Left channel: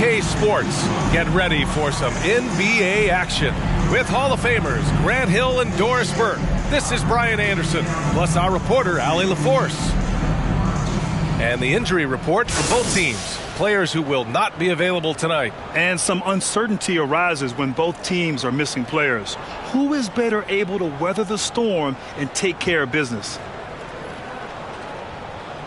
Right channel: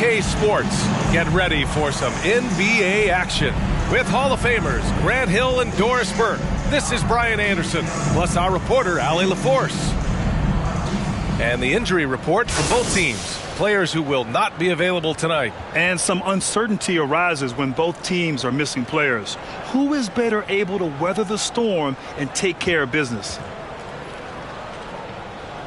2K Sports. Get ready for some NBA action with Hall of Famers Grant Hill and Doris Burke. This is Brian Anderson, plus our reporter, Allie LaForce. And the injury report for both teams. Players who will not be available tonight. And some uncertainty arises when both teams are missing players. Who is better able to weather the storm and take care of business?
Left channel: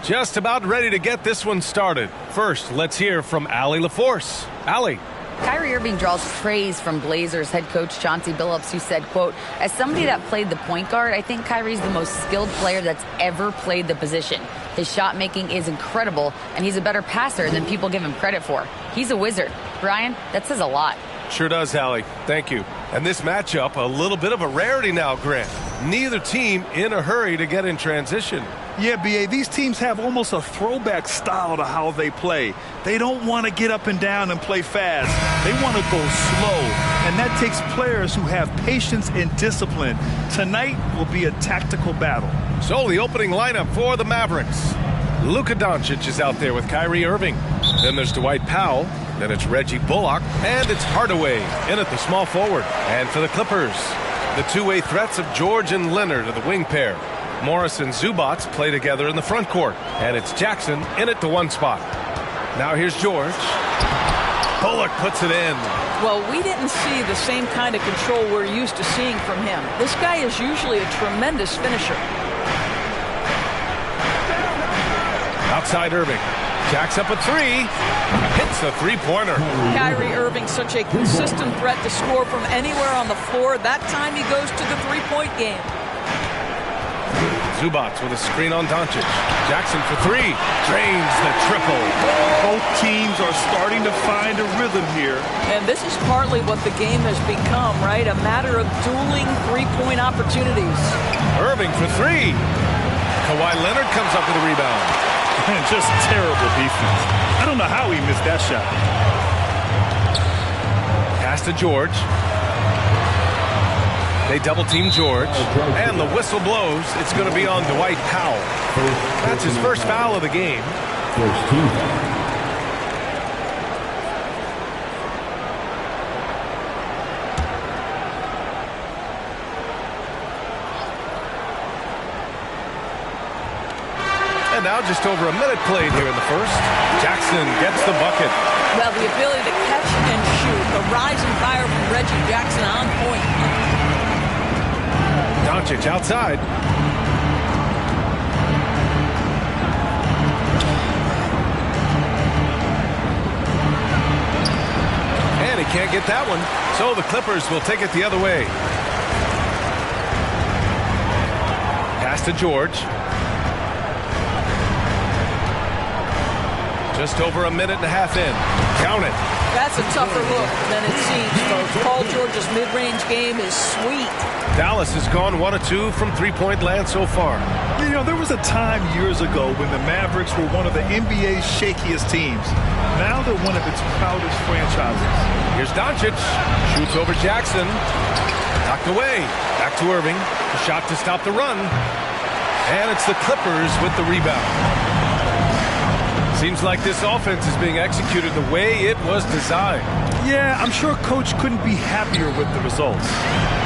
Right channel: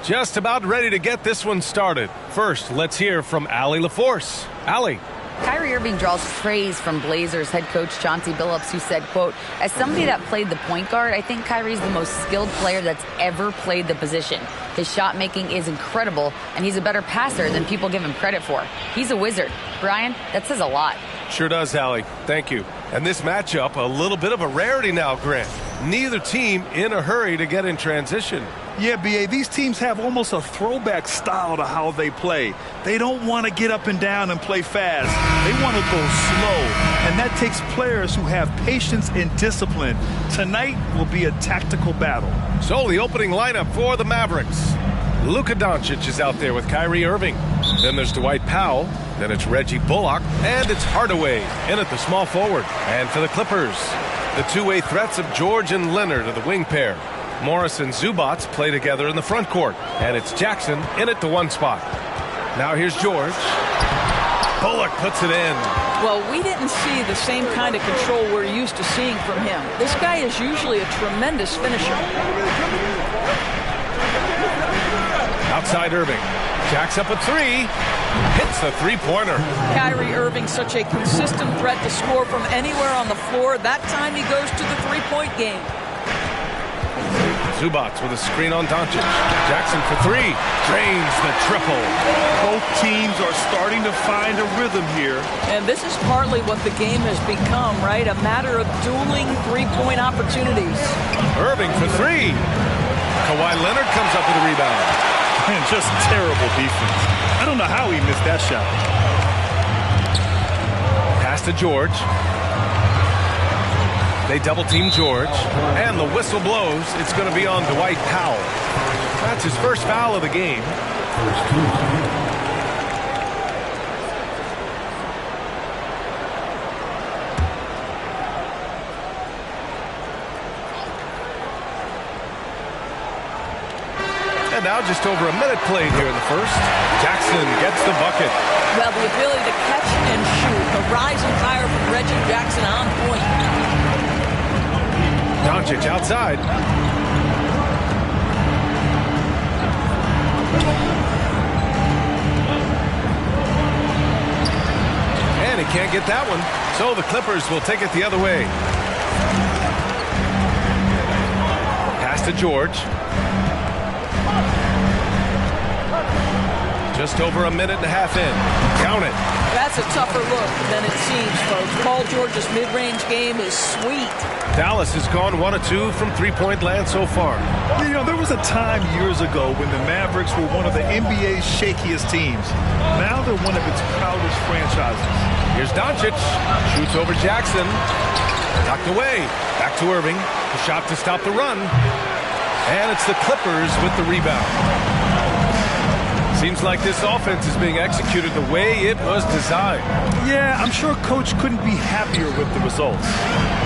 Just about ready to get this one started. First, let's hear from Allie LaForce. Allie. Kyrie Irving draws praise from Blazers head coach Chauncey Billups, who said, quote, as somebody that played the point guard, I think Kyrie's the most skilled player that's ever played the position. His shot making is incredible, and he's a better passer than people give him credit for. He's a wizard. Brian, that says a lot. Sure does, Allie. Thank you. And this matchup, a little bit of a rarity now, Grant. Neither team in a hurry to get in transition. Yeah, B.A., these teams have almost a throwback style to how they play. They don't want to get up and down and play fast. They want to go slow, and that takes players who have patience and discipline. Tonight will be a tactical battle. So the opening lineup for the Mavericks. Luka Doncic is out there with Kyrie Irving. Then there's Dwight Powell. Then it's Reggie Bullock. And it's Hardaway in at the small forward. And for the Clippers, the two-way threats of George and Leonard are the wing pair. Morris and Zubats play together in the front court. And it's Jackson in at the one spot. Now here's George. Bullock puts it in. Well, we didn't see the same kind of control we're used to seeing from him. This guy is usually a tremendous finisher. Outside Irving. Jacks up a three. Hits the three-pointer. Kyrie Irving, such a consistent threat to score from anywhere on the floor. That time he goes to the three-point game. Zubats with a screen on Doncic. Jackson for three. Drains the triple. Both teams are starting to find a rhythm here. And this is partly what the game has become, right? A matter of dueling three-point opportunities. Irving for three. Kawhi Leonard comes up with a rebound. And just terrible defense. I don't know how he missed that shot. Pass to George. They double-team George. And the whistle blows. It's going to be on Dwight Powell. That's his first foul of the game. And now just over a minute played here in the first. Jackson gets the bucket. Well, the ability to catch and shoot. The rising fire from Reggie Jackson on point. Doncic outside. And he can't get that one. So the Clippers will take it the other way. Pass to George. Just over a minute and a half in. Count it. That's a tougher look than it seems, folks. Paul George's mid-range game is sweet. Dallas has gone 1 of 2 from three-point land so far. You know, there was a time years ago when the Mavericks were one of the NBA's shakiest teams. Now they're one of its proudest franchises. Here's Doncic. Shoots over Jackson. Knocked away. Back to Irving. A shot to stop the run. And it's the Clippers with the rebound. Seems like this offense is being executed the way it was designed. Yeah, I'm sure Coach couldn't be happier with the results.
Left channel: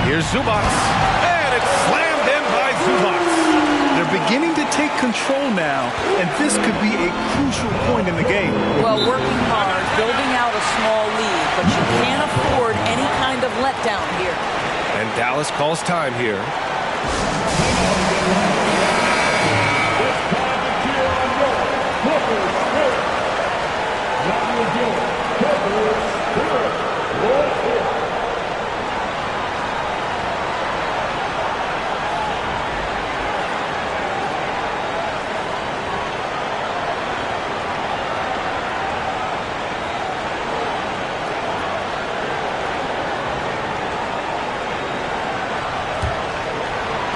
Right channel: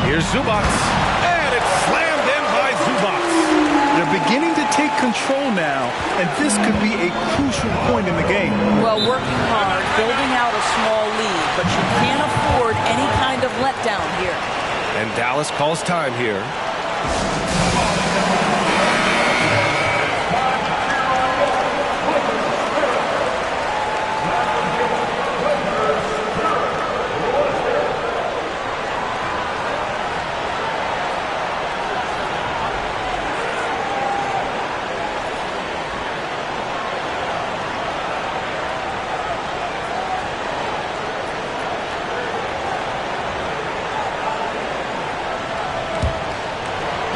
Here's Zubats. And it's slammed in by Zubats. They're beginning to take control now, and this could be a crucial point in the game. Well, working hard, building out a small lead, but you can't afford any kind of letdown here. And Dallas calls time here.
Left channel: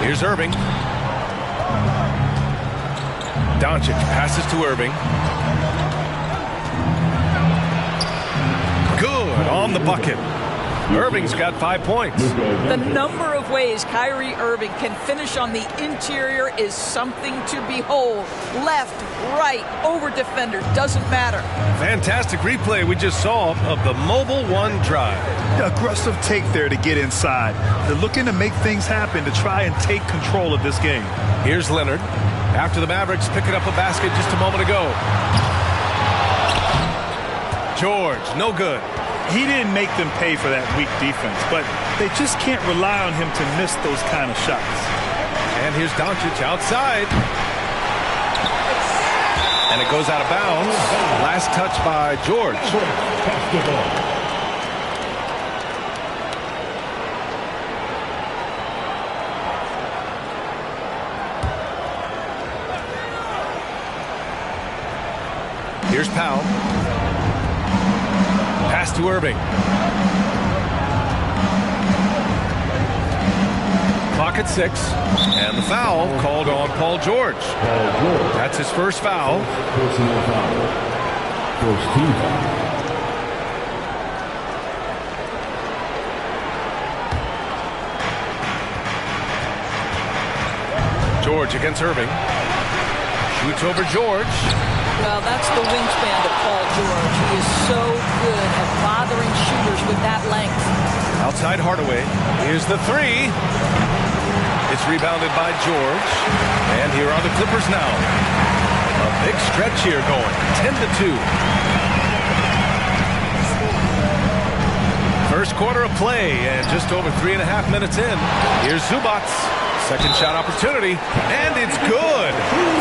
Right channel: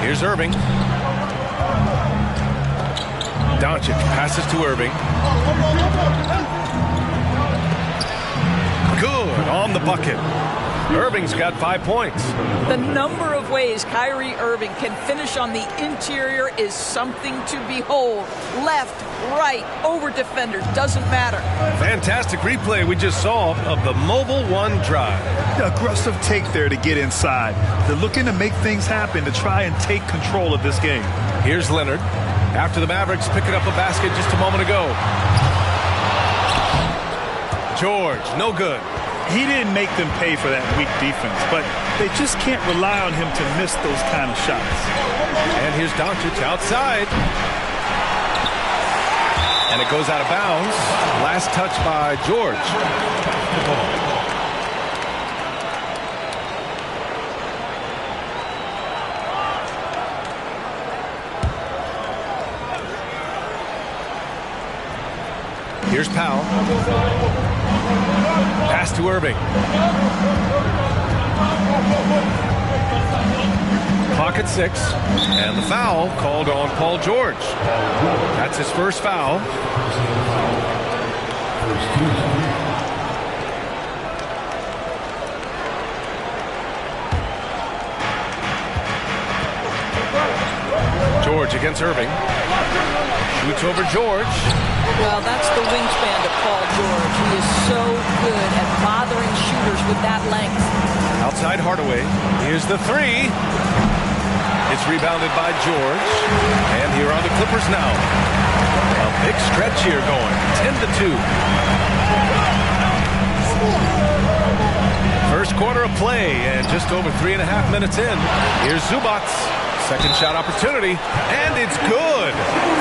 Here's Irving. Doncic passes to Irving. Good on the bucket. Irving's got 5 points. The number of ways Kyrie Irving can finish on the interior is something to behold. Left, right, over defenders, doesn't matter. Fantastic replay we just saw of the Mobile One drive. The aggressive take there to get inside. They're looking to make things happen to try and take control of this game. Here's Leonard. After the Mavericks picking up a basket just a moment ago. George, no good. He didn't make them pay for that weak defense, but they just can't rely on him to miss those kind of shots. And here's Doncic outside. And it goes out of bounds. Last touch by George. Here's Powell. Pass to Irving. Clock at 6. And the foul called on Paul George. That's his first foul. Personal foul. First team foul. George against Irving. Shoots over George. Well, that's the wingspan of Paul George. He is so good at bothering shooters with that length. Outside Hardaway. Here's the three. It's rebounded by George. And here are the Clippers now. A big stretch here going. 10-2. First quarter of play and just over 3.5 minutes in. Here's Zubac. Second shot opportunity, and it's good.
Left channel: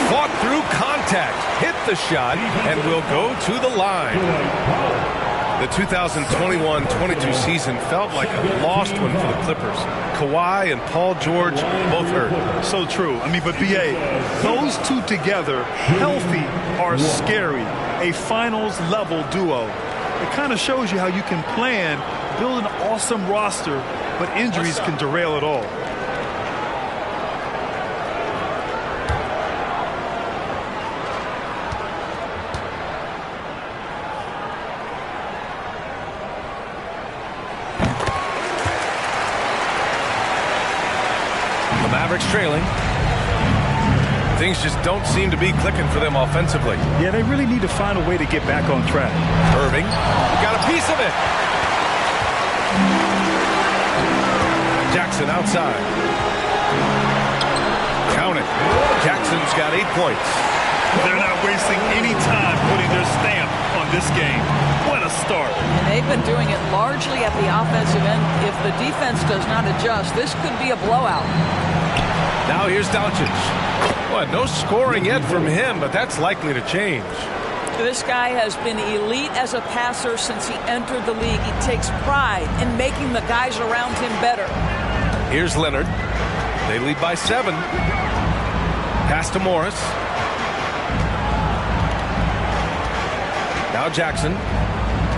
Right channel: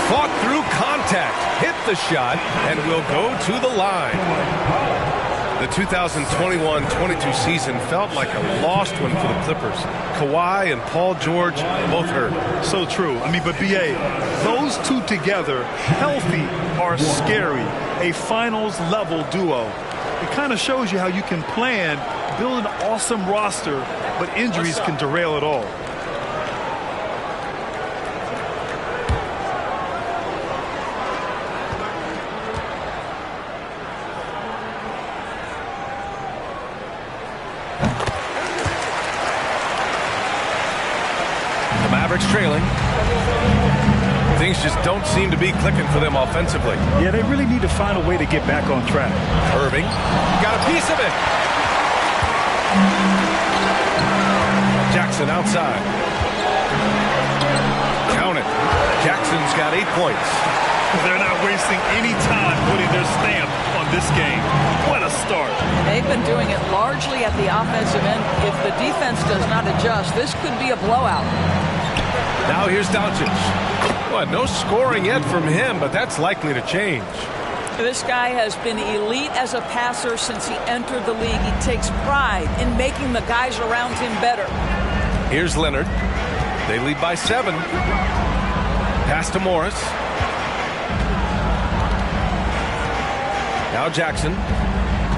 Fought through contact, hit the shot, and will go to the line. The 2021-22 season felt like a lost one for the Clippers. Kawhi and Paul George both hurt. So true. I mean, but B.A., those two together, healthy, are scary. A finals-level duo. It kind of shows you how you can plan, build an awesome roster, but injuries can derail it all. Mavericks trailing. Things just don't seem to be clicking for them offensively. Yeah, they really need to find a way to get back on track. Irving, you got a piece of it. Jackson outside. Count it. Jackson's got 8 points. They're not wasting any time putting their stamp on this game. What a start. And they've been doing it largely at the offensive end. If the defense does not adjust, this could be a blowout. Now here's Doncic. Well, no scoring yet from him, but that's likely to change. This guy has been elite as a passer since he entered the league. He takes pride in making the guys around him better. Here's Leonard. They lead by 7. Pass to Morris. Now Jackson.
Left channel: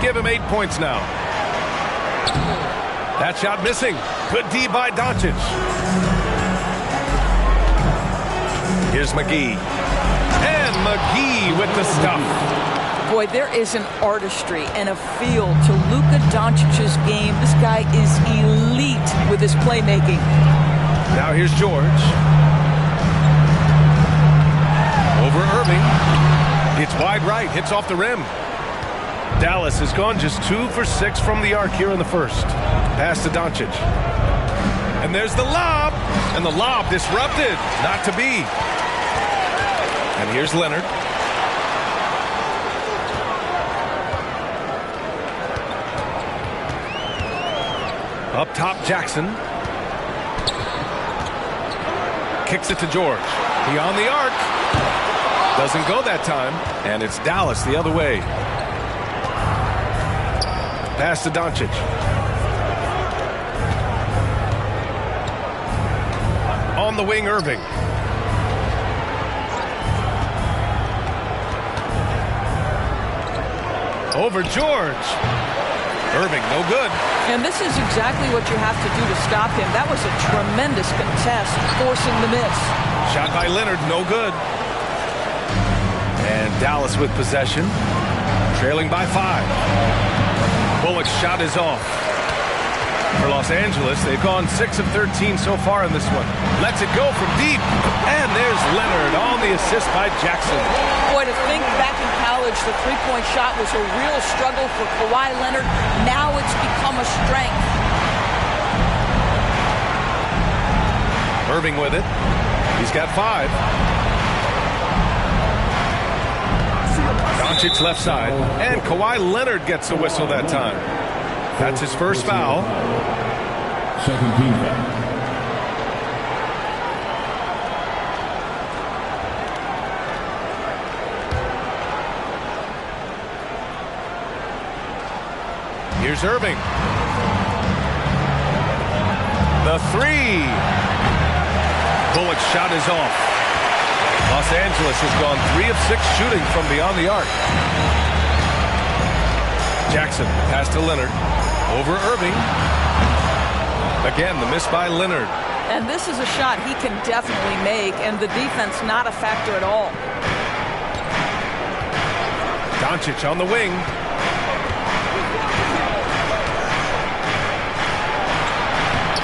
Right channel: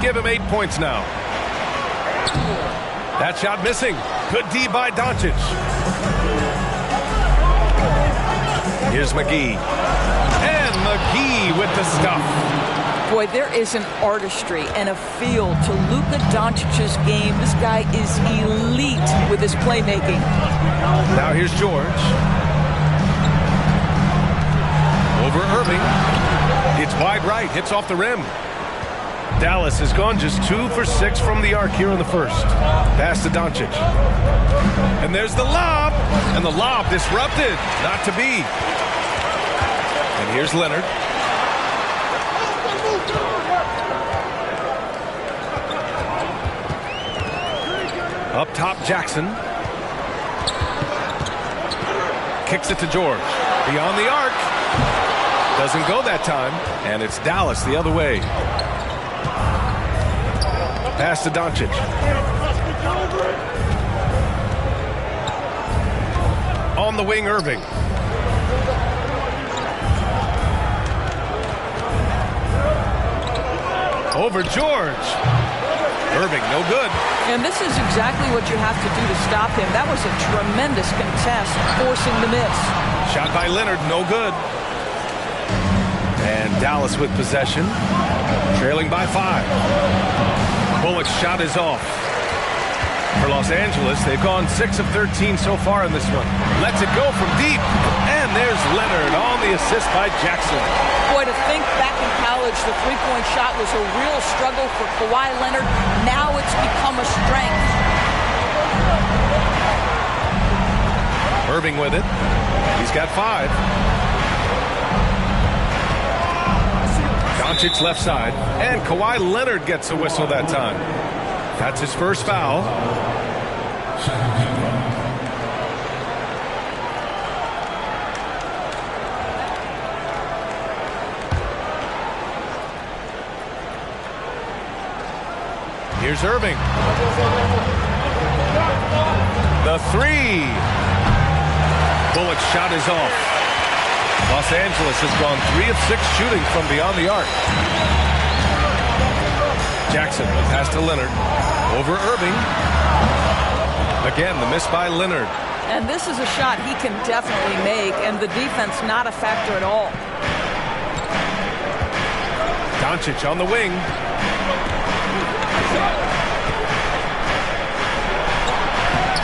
Give him 8 points now. That shot missing. Good D by Doncic. Here's McGee. And McGee with the stuff. Boy, there is an artistry and a feel to Luka Doncic's game. This guy is elite with his playmaking. Now here's George. Over Irving. It's wide right. Hits off the rim. Dallas has gone just 2 for 6 from the arc here in the first. Pass to Doncic. And there's the lob. And the lob disrupted. Not to be. And here's Leonard. Up top, Jackson. Kicks it to George. Beyond the arc. Doesn't go that time. And it's Dallas the other way. Pass to Doncic. On the wing, Irving. Over George. Irving, no good. And this is exactly what you have to do to stop him. That was a tremendous contest, forcing the miss. Shot by Leonard, no good. And Dallas with possession, trailing by 5. Bullock's shot is off. For Los Angeles, they've gone 6 of 13 so far in this one. Lets it go from deep. And there's Leonard on the assist by Jackson. Boy, to think back in college, the three-point shot was a real struggle for Kawhi Leonard. Now it's become a strength. Irving with it. He's got 5. Doncic left side. And Kawhi Leonard gets a whistle that time. That's his first foul. Second team foul. Here's Irving. The 3. Bullock's shot is off. Los Angeles has gone 3 of 6 shooting from beyond the arc. Jackson, the pass to Leonard. Over Irving. Again, the miss by Leonard. And this is a shot he can definitely make, and the defense not a factor at all. Doncic on the wing.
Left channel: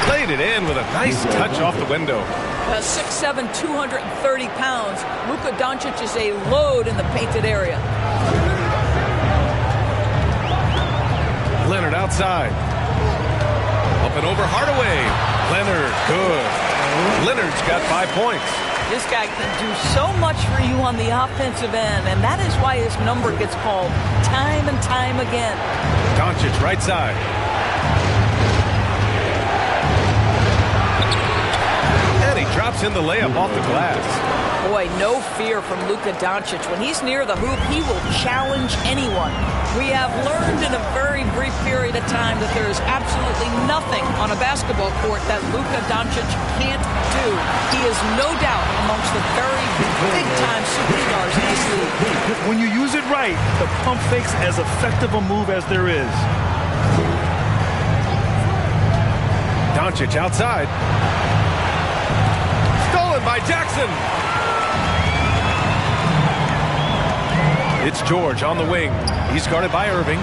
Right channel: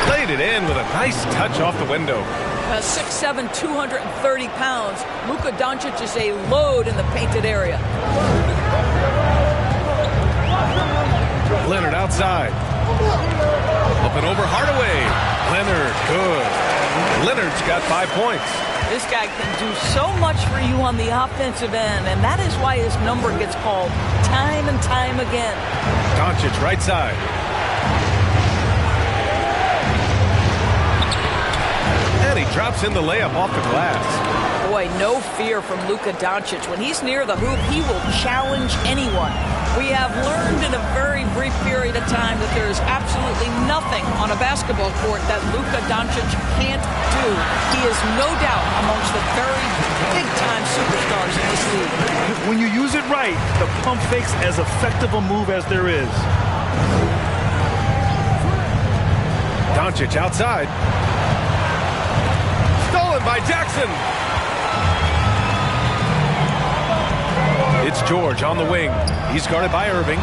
Played it in with a nice touch off the window. 6'7", 230 pounds. Luka Doncic is a load in the painted area. Leonard outside. Up and over Hardaway. Leonard, good. Leonard's got 5 points. This guy can do so much for you on the offensive end, and that is why his number gets called time and time again. Doncic right side. And he drops in the layup off the glass. Boy, no fear from Luka Doncic. When he's near the hoop, he will challenge anyone. We have learned in a very brief period of time that there is absolutely nothing on a basketball court that Luka Doncic can't do. He is no doubt amongst the very big-time superstars in this league. When you use it right, the pump fake's as effective a move as there is. Doncic outside. Stolen by Jackson. It's George on the wing. He's guarded by Irving.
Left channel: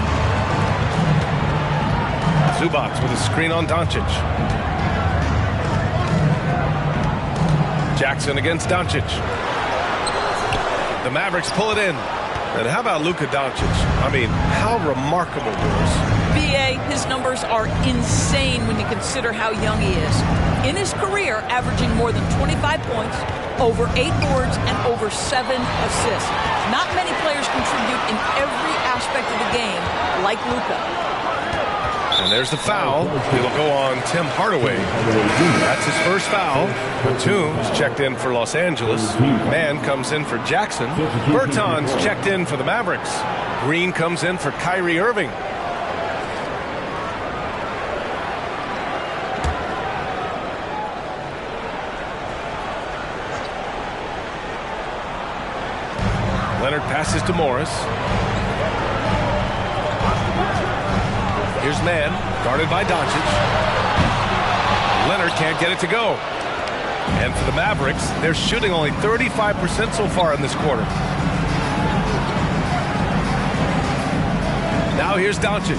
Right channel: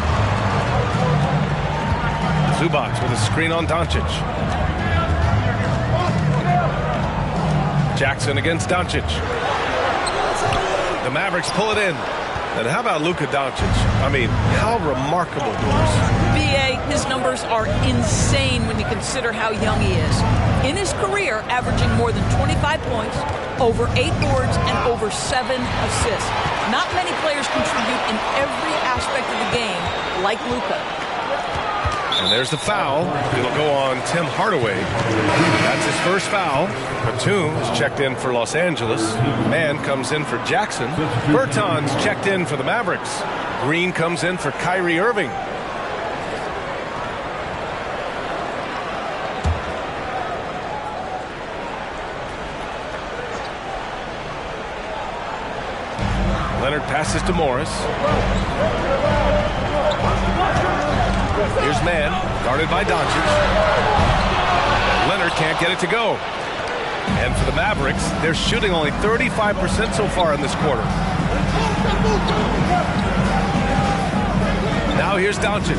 Zubac with a screen on Doncic. Jackson against Doncic. The Mavericks pull it in. And how about Luka Doncic? I mean, how remarkable, Doris. B.A., his numbers are insane when you consider how young he is. In his career, averaging more than 25 points, over 8 boards, and over 7 assists. Not many players contribute in every aspect of the game like Luka. And there's the foul. It'll go on Tim Hardaway. That's his first foul. Batum is checked in for Los Angeles. Mann comes in for Jackson. Bertans checked in for the Mavericks. Green comes in for Kyrie Irving. Leonard passes to Morris. Here's Mann, guarded by Doncic. Leonard can't get it to go. And for the Mavericks, they're shooting only 35% so far in this quarter. Now here's Doncic.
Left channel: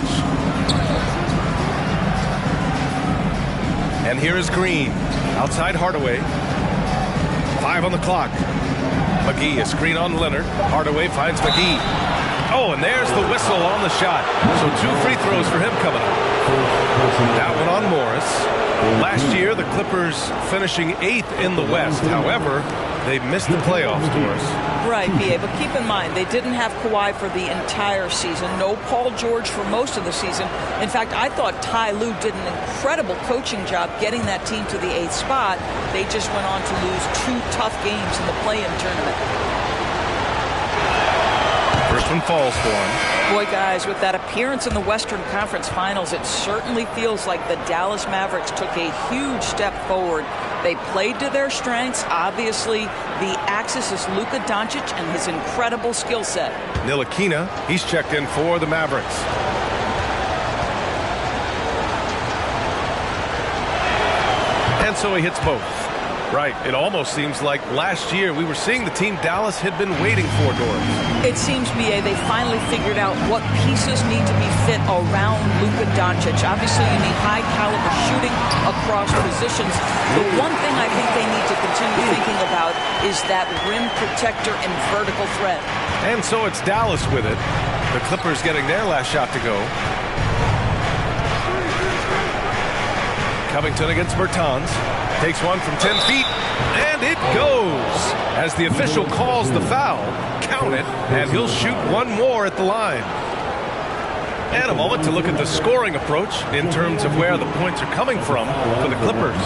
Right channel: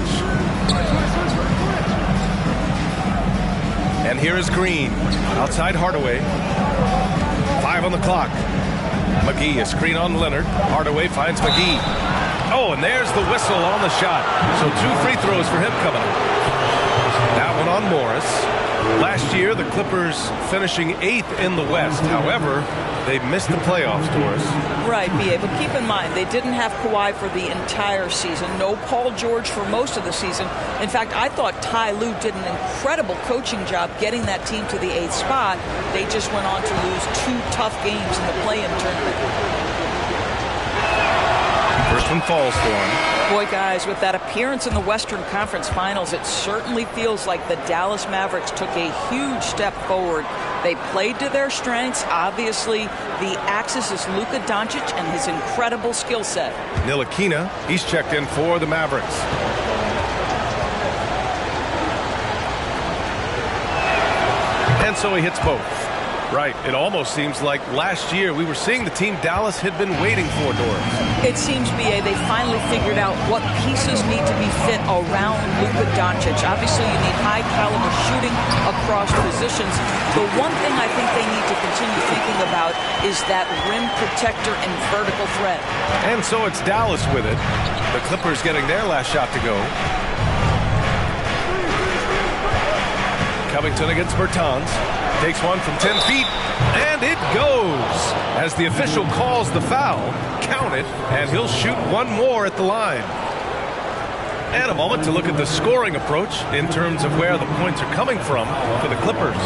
And here is Green. Outside Hardaway. 5 on the clock. McGee, a screen on Leonard. Hardaway finds McGee. Oh, and there's the whistle on the shot. So 2 free throws for him coming up. That one on Morris. Last year, the Clippers finishing 8th in the West. However, they missed the playoffs, Doris. Right, B.A., but keep in mind, they didn't have Kawhi for the entire season. No Paul George for most of the season. In fact, I thought Ty Lue did an incredible coaching job getting that team to the 8th spot. They just went on to lose 2 tough games in the play-in tournament. First one falls for him. Boy, guys, with that appearance in the Western Conference Finals, it certainly feels like the Dallas Mavericks took a huge step forward. They played to their strengths. Obviously, the axis is Luka Doncic and his incredible skill set. Ntilikina, he's checked in for the Mavericks. And so he hits both. Right. It almost seems like last year we were seeing the team Dallas had been waiting for, Doris. It seems, B.A., they finally figured out what pieces need to be fit around Luka Doncic. Obviously, you need high-caliber shooting across positions. The one thing I think they need to continue thinking about is that rim protector and vertical threat. And so it's Dallas with it. The Clippers getting their last shot to go. Covington against Bertans. Takes one from 10 feet, and it goes. As the official calls the foul, count it, and he'll shoot one more at the line. And a moment to look at the scoring approach in terms of where the points are coming from for the Clippers.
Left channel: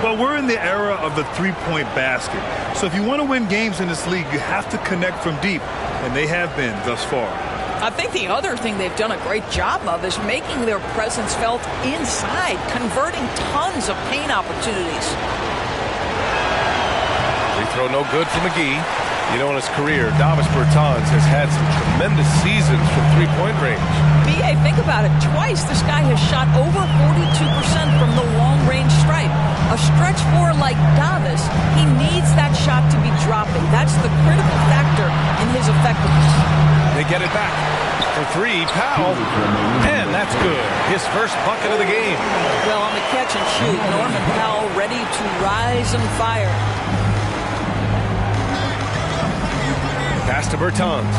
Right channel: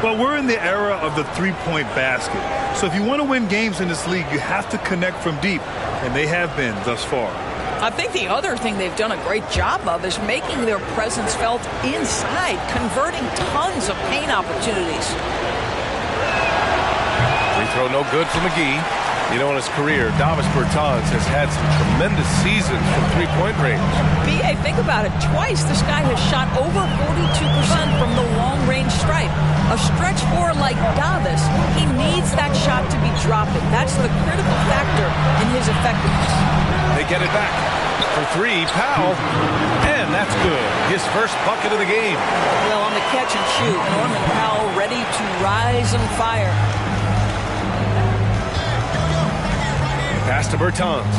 Well, we're in the era of the three-point basket. So if you want to win games in this league, you have to connect from deep, and they have been thus far. I think the other thing they've done a great job of is making their presence felt inside, converting tons of paint opportunities. Free throw no good for McGee. You know, in his career, Davis Bertans has had some tremendous seasons from three-point range. B.A., think about it. Twice this guy has shot over 42% from the long-range stripe. A stretch four like Davis, he needs that shot to be dropping. That's the critical factor in his effectiveness. They get it back for three. Powell, and that's good. His first bucket of the game. Well, on the catch and shoot, Norman Powell ready to rise and fire. Pass to Bertans.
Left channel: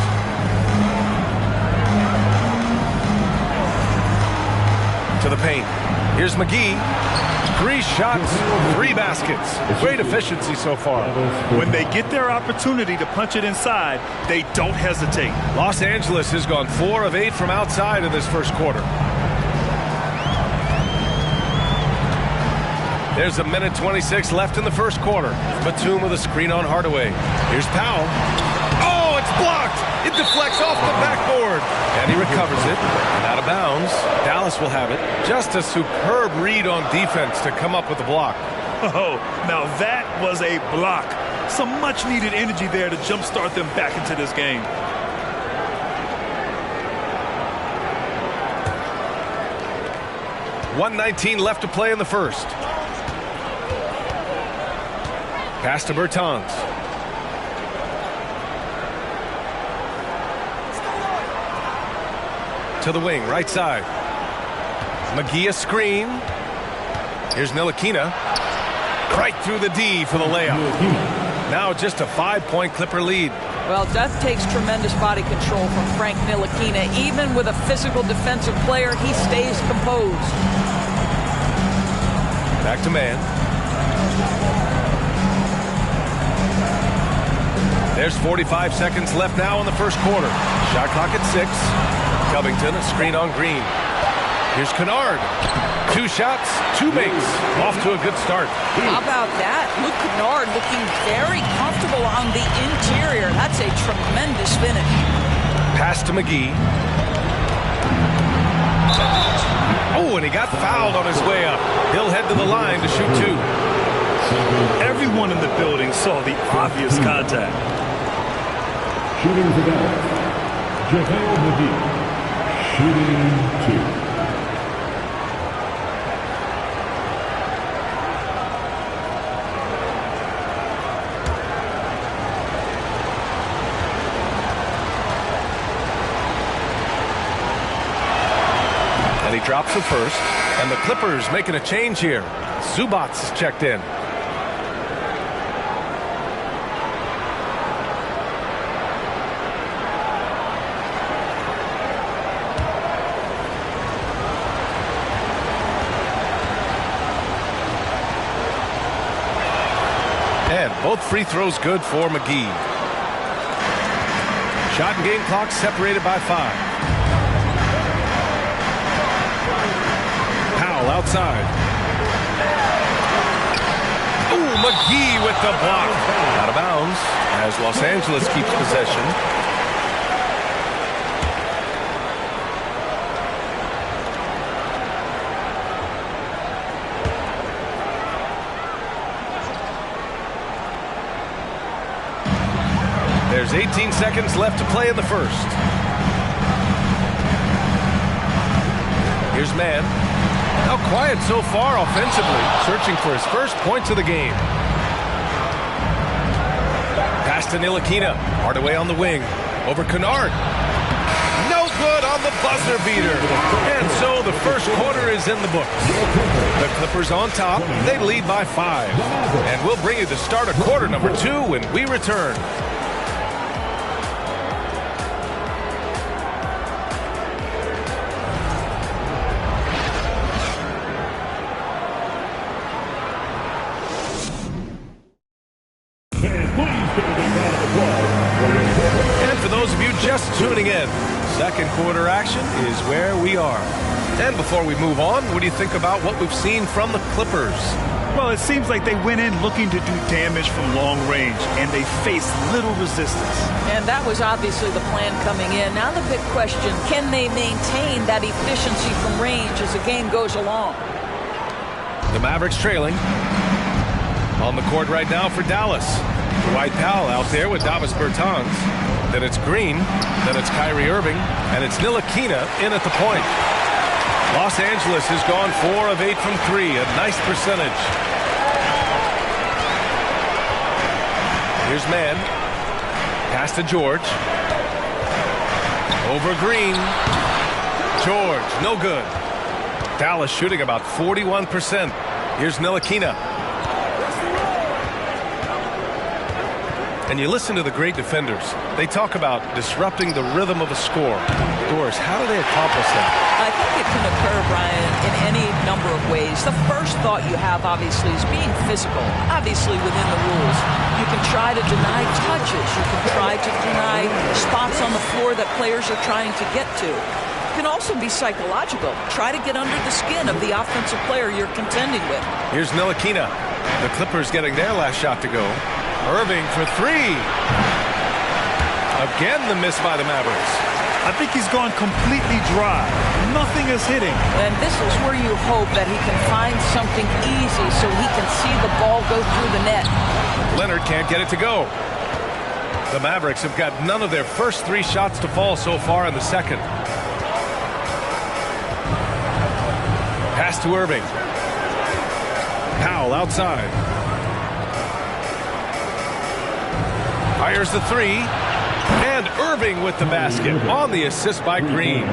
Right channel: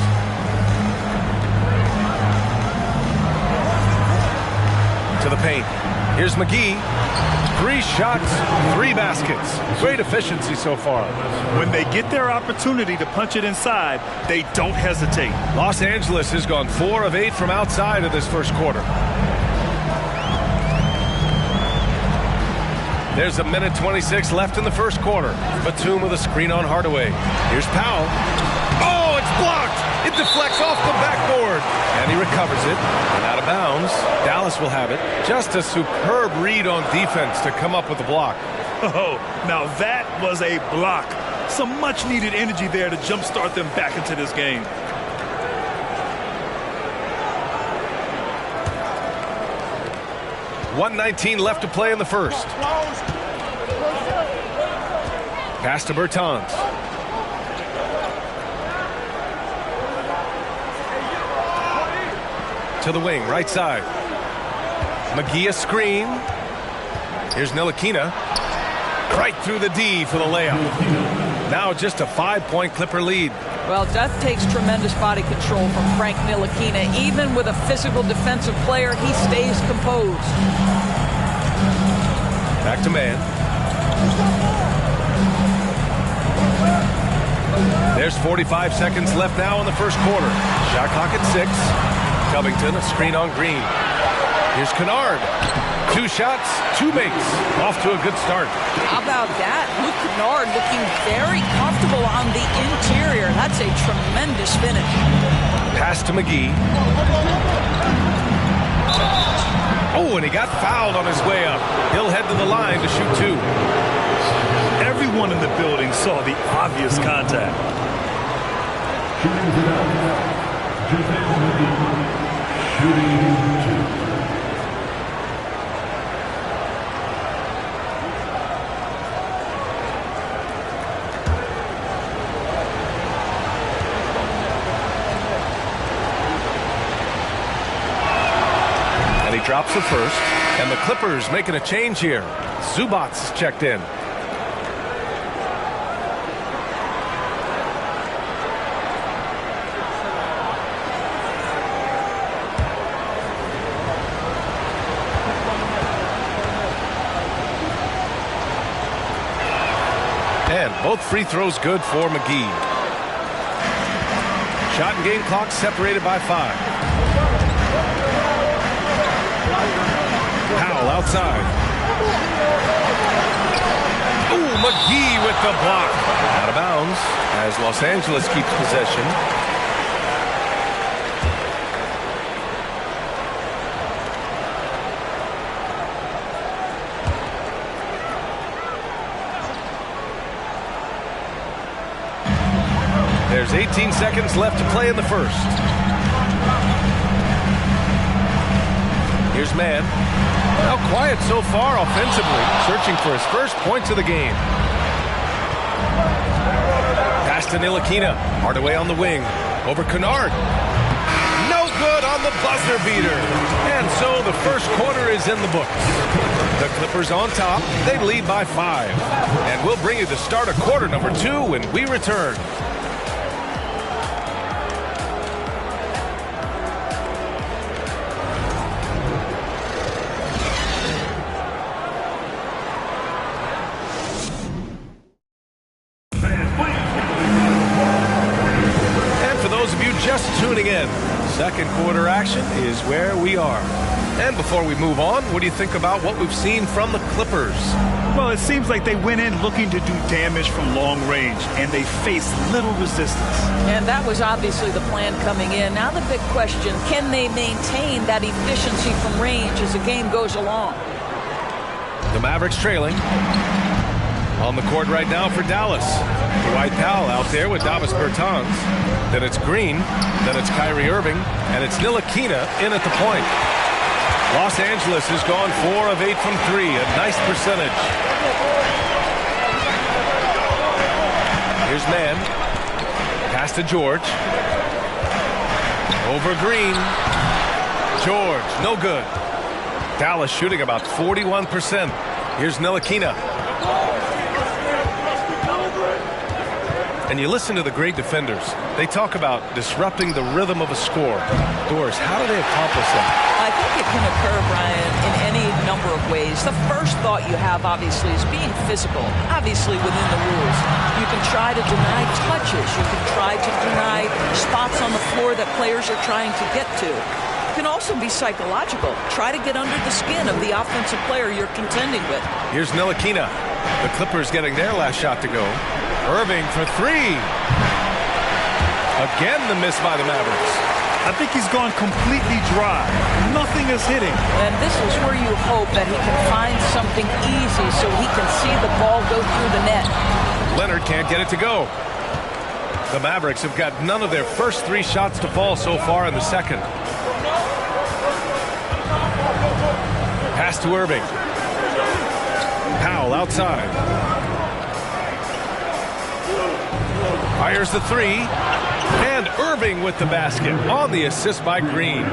To the paint. Here's McGee. 3 shots, 3 baskets. Great efficiency so far. When they get their opportunity to punch it inside, they don't hesitate. Los Angeles has gone 4 of 8 from outside in this first quarter. There's a minute 26 left in the first quarter. Batum with a screen on Hardaway. Here's Powell. Oh, it's blocked. It deflects off the backboard. And he recovers it. And out of bounds. Dallas will have it. Just a superb read on defense to come up with the block. Oh, now that was a block. Some much-needed energy there to jumpstart them back into this game. .119 left to play in the first. Pass to Bertans. To the wing, right side. McGee a screen. Here's Ntilikina. Right through the D for the layup. Now just a 5-point Clipper lead. Well, that takes tremendous body control from Frank Ntilikina. Even with a physical defensive player, he stays composed. Back to man. There's 45 seconds left now in the first quarter. Shot clock at 6. Covington, a screen on Green. Here's Kennard. 2 shots, 2 makes. Off to a good start. How about that? Luke Kennard looking very comfortable on the interior. That's a tremendous finish. Pass to McGee. Oh, and he got fouled on his way up. He'll head to the line to shoot 2. Everyone in the building saw the obvious contact. Shooting for Dallas, JaVale McGee. Shooting 2. And he drops the first. And the Clippers making a change here. Zubac is checked in. And both free throws good for McGee. Shot and game clock separated by 5. Powell outside. Ooh, McGee with the block. Out of bounds as Los Angeles keeps possession. There's 18 seconds left to play in the first. Here's Mann. Now quiet so far offensively, searching for his first points of the game. Pass to Ntilikina. Hardaway on the wing. Over Kennard. No good on the buzzer beater. And so the first quarter is in the books. The Clippers on top. They lead by 5. And we'll bring you the start of quarter number 2 when we return. And for those of you just tuning in, second quarter action is where we are. And before we move on, what do you think about what we've seen from the Clippers? Well, it seems like they went in looking to do damage from long range, and they faced little resistance. And that was obviously the plan coming in. Now the big question, can they maintain that efficiency from range as the game goes along? The Mavericks trailing. On the court right now for Dallas. Dwight Powell out there with Davis Bertans. Then it's Green. Then it's Kyrie Irving. And it's Ntilikina in at the point. Los Angeles has gone 4 of 8 from 3. A nice percentage. Here's Mann. Pass to George. Over Green. George, no good. Dallas shooting about 41%. Here's Ntilikina. And you listen to the great defenders. They talk about disrupting the rhythm of a score. Doris, how do they accomplish that? I think it can occur, Brian, in any number of ways. The first thought you have, obviously, is being physical, obviously within the rules. You can try to deny touches. You can try to deny spots on the floor that players are trying to get to. It can also be psychological. Try to get under the skin of the offensive player you're contending with. Here's Ntilikina. The Clippers getting their last shot to go. Irving for 3. Again, the miss by the Mavericks. I think he's gone completely dry. Nothing is hitting. And this is where you hope that he can find something easy so he can see the ball go through the net. Leonard can't get it to go. The Mavericks have got none of their first 3 shots to fall so far in the second. Pass to Irving. Powell outside. Fires the 3. And Irving with the basket on the assist by Green.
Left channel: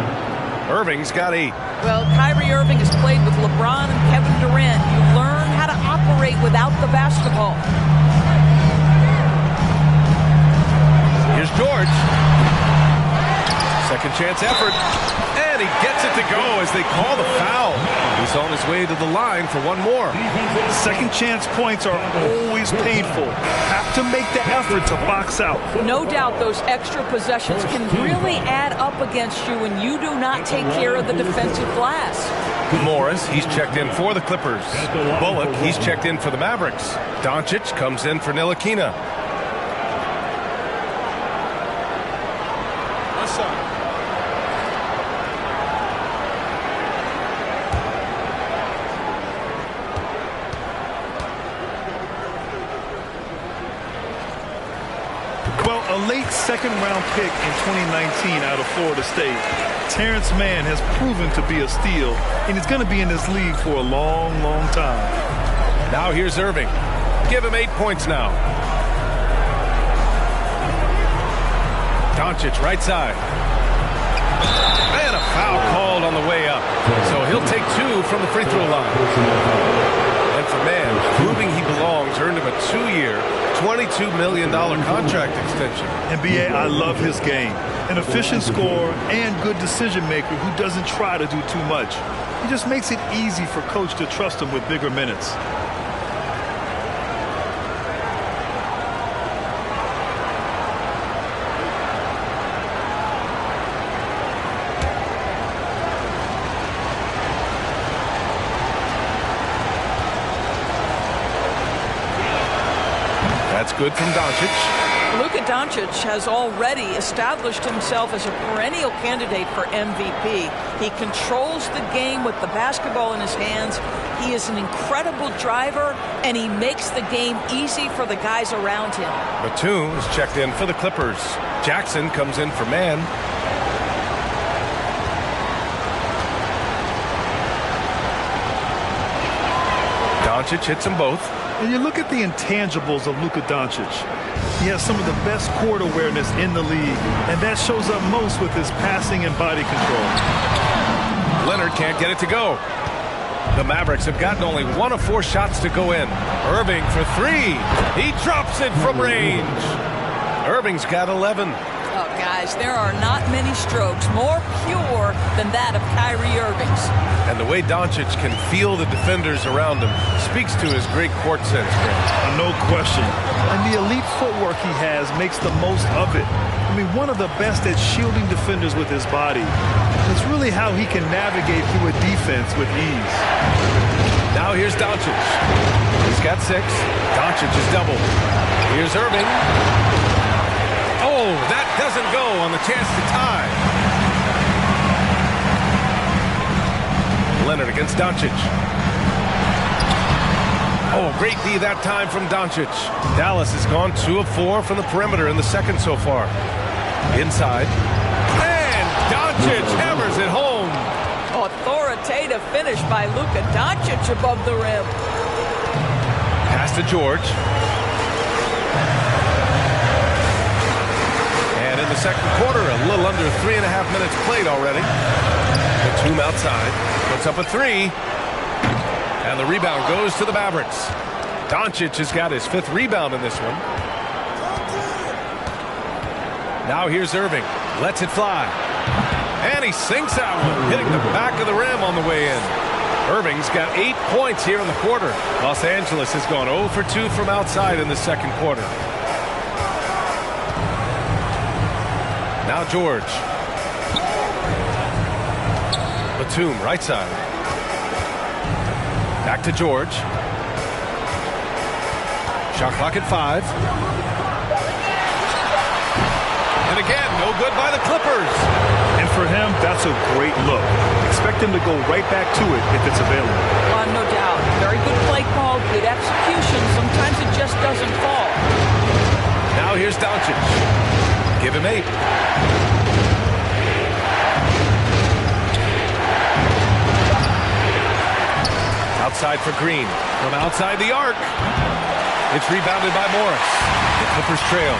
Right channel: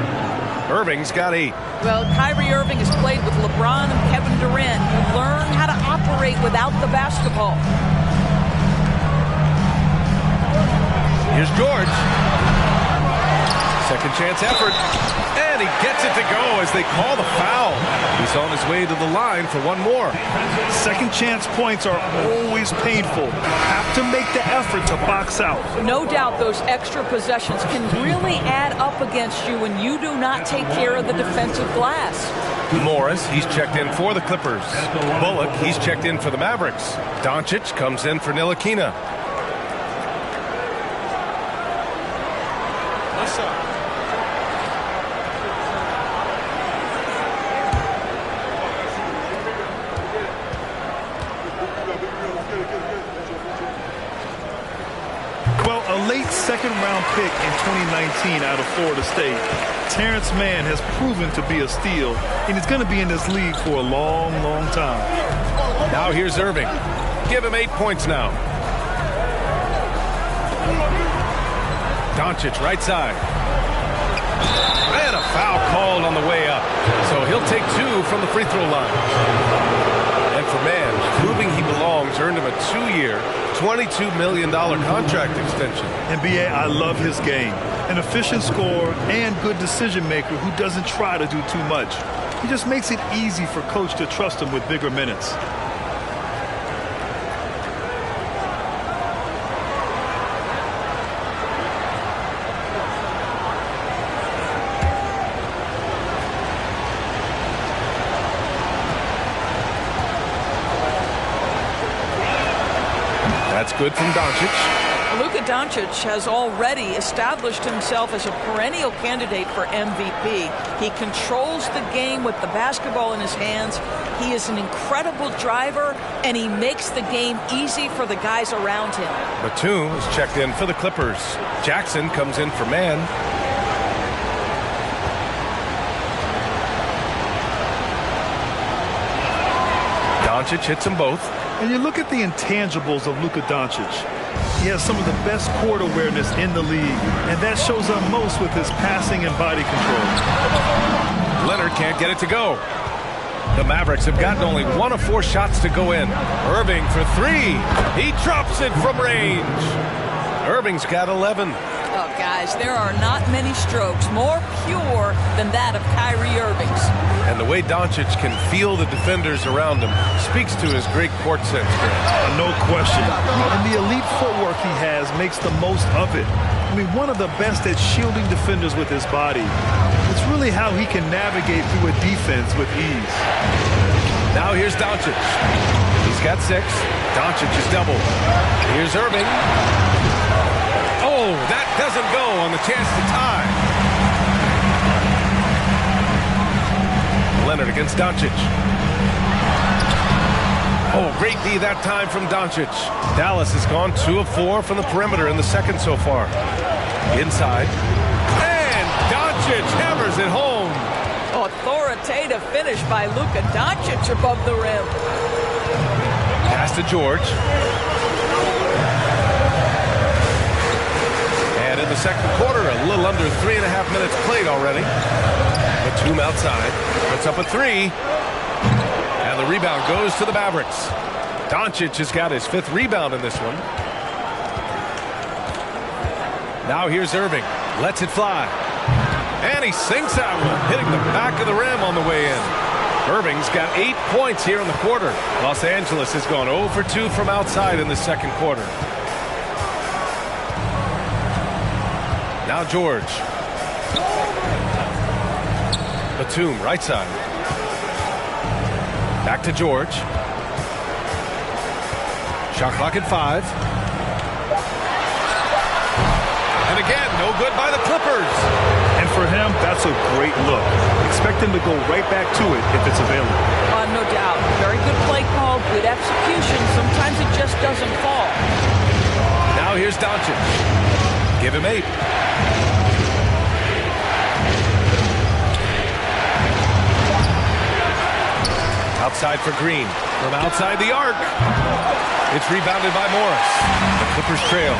Irving's got 8. Well, Kyrie Irving has played with LeBron and Kevin Durant. You learn how to operate without the basketball. Here's George. Second chance effort. And he gets it to go as they call the foul. He's on his way to the line for one more. Second chance points are always painful. Have to make the effort to box out. No doubt those extra possessions can really add up against you when you do not take care of the defensive glass. Morris, he's checked in for the Clippers. Bullock, he's checked in for the Mavericks. Doncic comes in for Ntilikina. What's up? Well, a late second-round pick in 2019 out of Florida State, Terrence Mann has proven to be a steal, and he's going to be in this league for a long, long time. Now here's Irving. Give him 8 points now. Doncic right side. And a foul called on the way up. So he'll take 2 from the free throw line. And for Mann, proving he belongs earned him a 2-year, $22 million contract extension. NBA, I love his game. An efficient scorer and good decision maker who doesn't try to do too much. He just makes it easy for coach to trust him with bigger minutes. That's good from Doncic. Luka Doncic has already established himself as a perennial candidate for MVP. He controls the game with the basketball in his hands. He is an incredible driver, and he makes the game easy for the guys around him. Batum is checked in for the Clippers. Jackson comes in for Mann. Doncic hits them both. And you look at the intangibles of Luka Doncic. he has some of the best court awareness in the league, and that shows up most with his passing and body control. Leonard can't get it to go. The Mavericks have gotten only 1 of 4 shots to go in. Irving for 3. He drops it from range. Irving's got 11. Oh, guys, there are not many strokes more pure than that of Kyrie Irving's. And the way Doncic can feel the defenders around him speaks to his great court sense, Grant. No question. And the elite footwork he has makes the most of it. I mean, one of the best at shielding defenders with his body. It's really how he can navigate through a defense with ease. Now here's Doncic. He's got 6. Doncic is doubled. Here's Irving. Oh, that doesn't go on the chance to tie. Leonard against Doncic. Oh, great D that time from Doncic. Dallas has gone 2 of 4 from the perimeter in the second so far. Inside. And Doncic hammers it home. Authoritative finish by Luka Doncic above the rim. Pass to George. And in the second quarter, a little under 3.5 minutes played already. Batum outside, puts up a 3. And the rebound goes to the Mavericks. Doncic has got his 5th rebound in this one. Now here's Irving. Lets it fly. And he sinks that one, hitting the back of the rim on the way in. Irving's got 8 points here in the quarter. Los Angeles has gone 0 for 2 from outside in the second quarter. Now George. Batum, right side. Back to George. Shot clock at 5. And again, no good by the Clippers. And for him, that's a great look. Expect him to go right back to it if it's available. No doubt. Very good play call, good execution. Sometimes it just doesn't fall. Now here's Doncic. Give him 8. Outside for Green. From outside the arc. It's rebounded by Morris. The Clippers trail.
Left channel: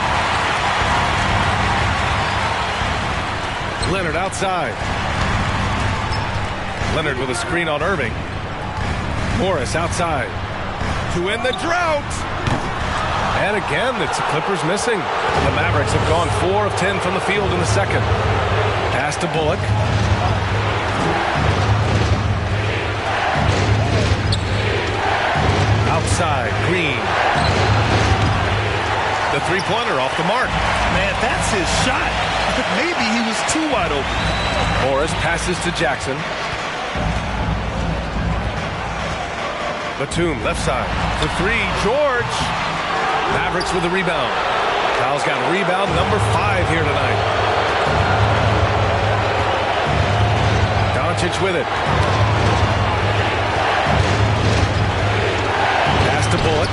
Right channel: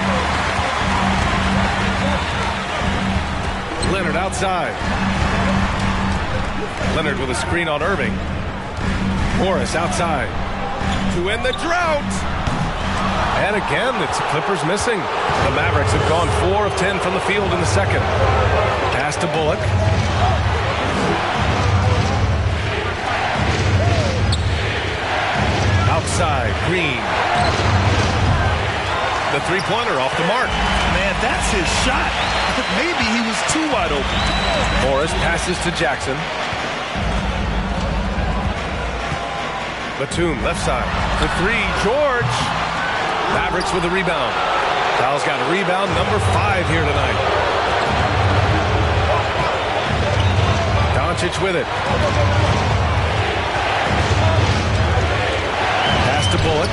Leonard outside. Leonard with a screen on Irving. Morris outside. To end the drought. And again, it's the Clippers missing. The Mavericks have gone 4 of 10 from the field in the second. Pass to Bullock. Outside, Green. The three-pointer off the mark. Man, that's his shot. Maybe he was too wide open. Morris passes to Jackson. Batum, left side. For 3, George. Mavericks with the rebound. Powell's got a rebound, number 5 here tonight. Doncic with it. Pass to Bullock.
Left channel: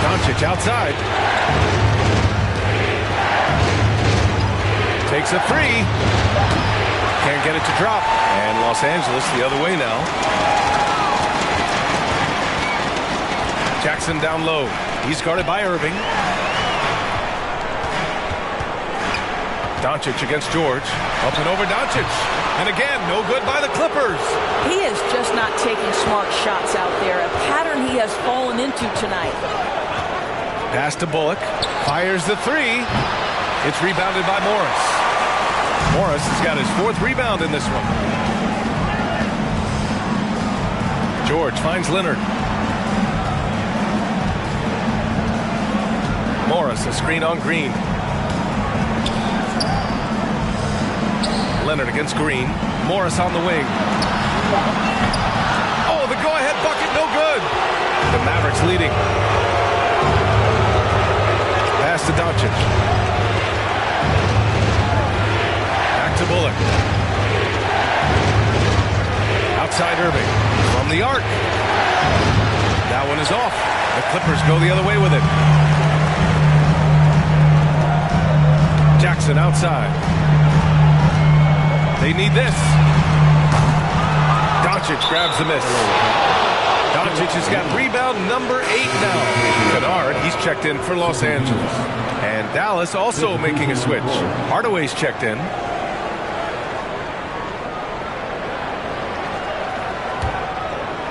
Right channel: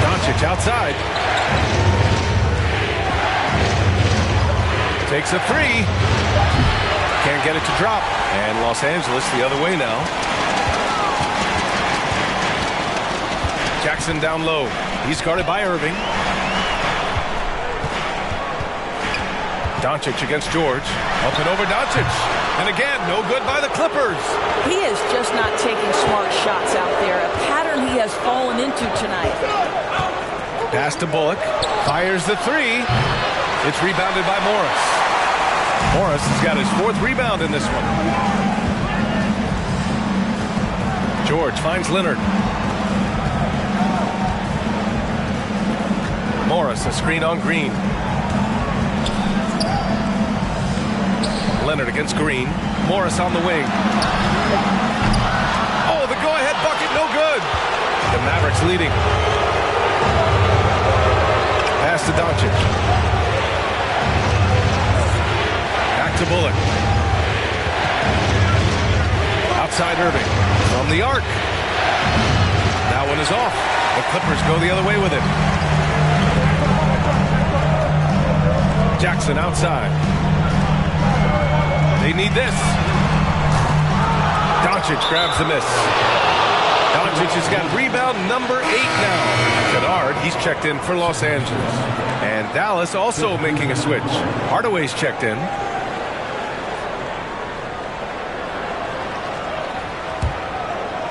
Doncic outside. Takes a 3. Can't get it to drop. And Los Angeles the other way now. Jackson down low. He's guarded by Irving. Doncic against George. Up and over Doncic. And again, no good by the Clippers. He is just not taking smart shots out there. A pattern he has fallen into tonight. Pass to Bullock. Fires the 3. It's rebounded by Morris. Morris has got his 4th rebound in this one. George finds Leonard. Morris, a screen on Green. Leonard against Green. Morris on the wing. Oh, the go-ahead bucket, no good. The Mavericks leading. Pass to Doncic. Back to Bullock. Outside Irving. From the arc. That one is off. The Clippers go the other way with it. Jackson outside. They need this. Doncic grabs the miss. Doncic has got rebound number 8 now. Kennard, he's checked in for Los Angeles. And Dallas also making a switch. Hardaway's checked in.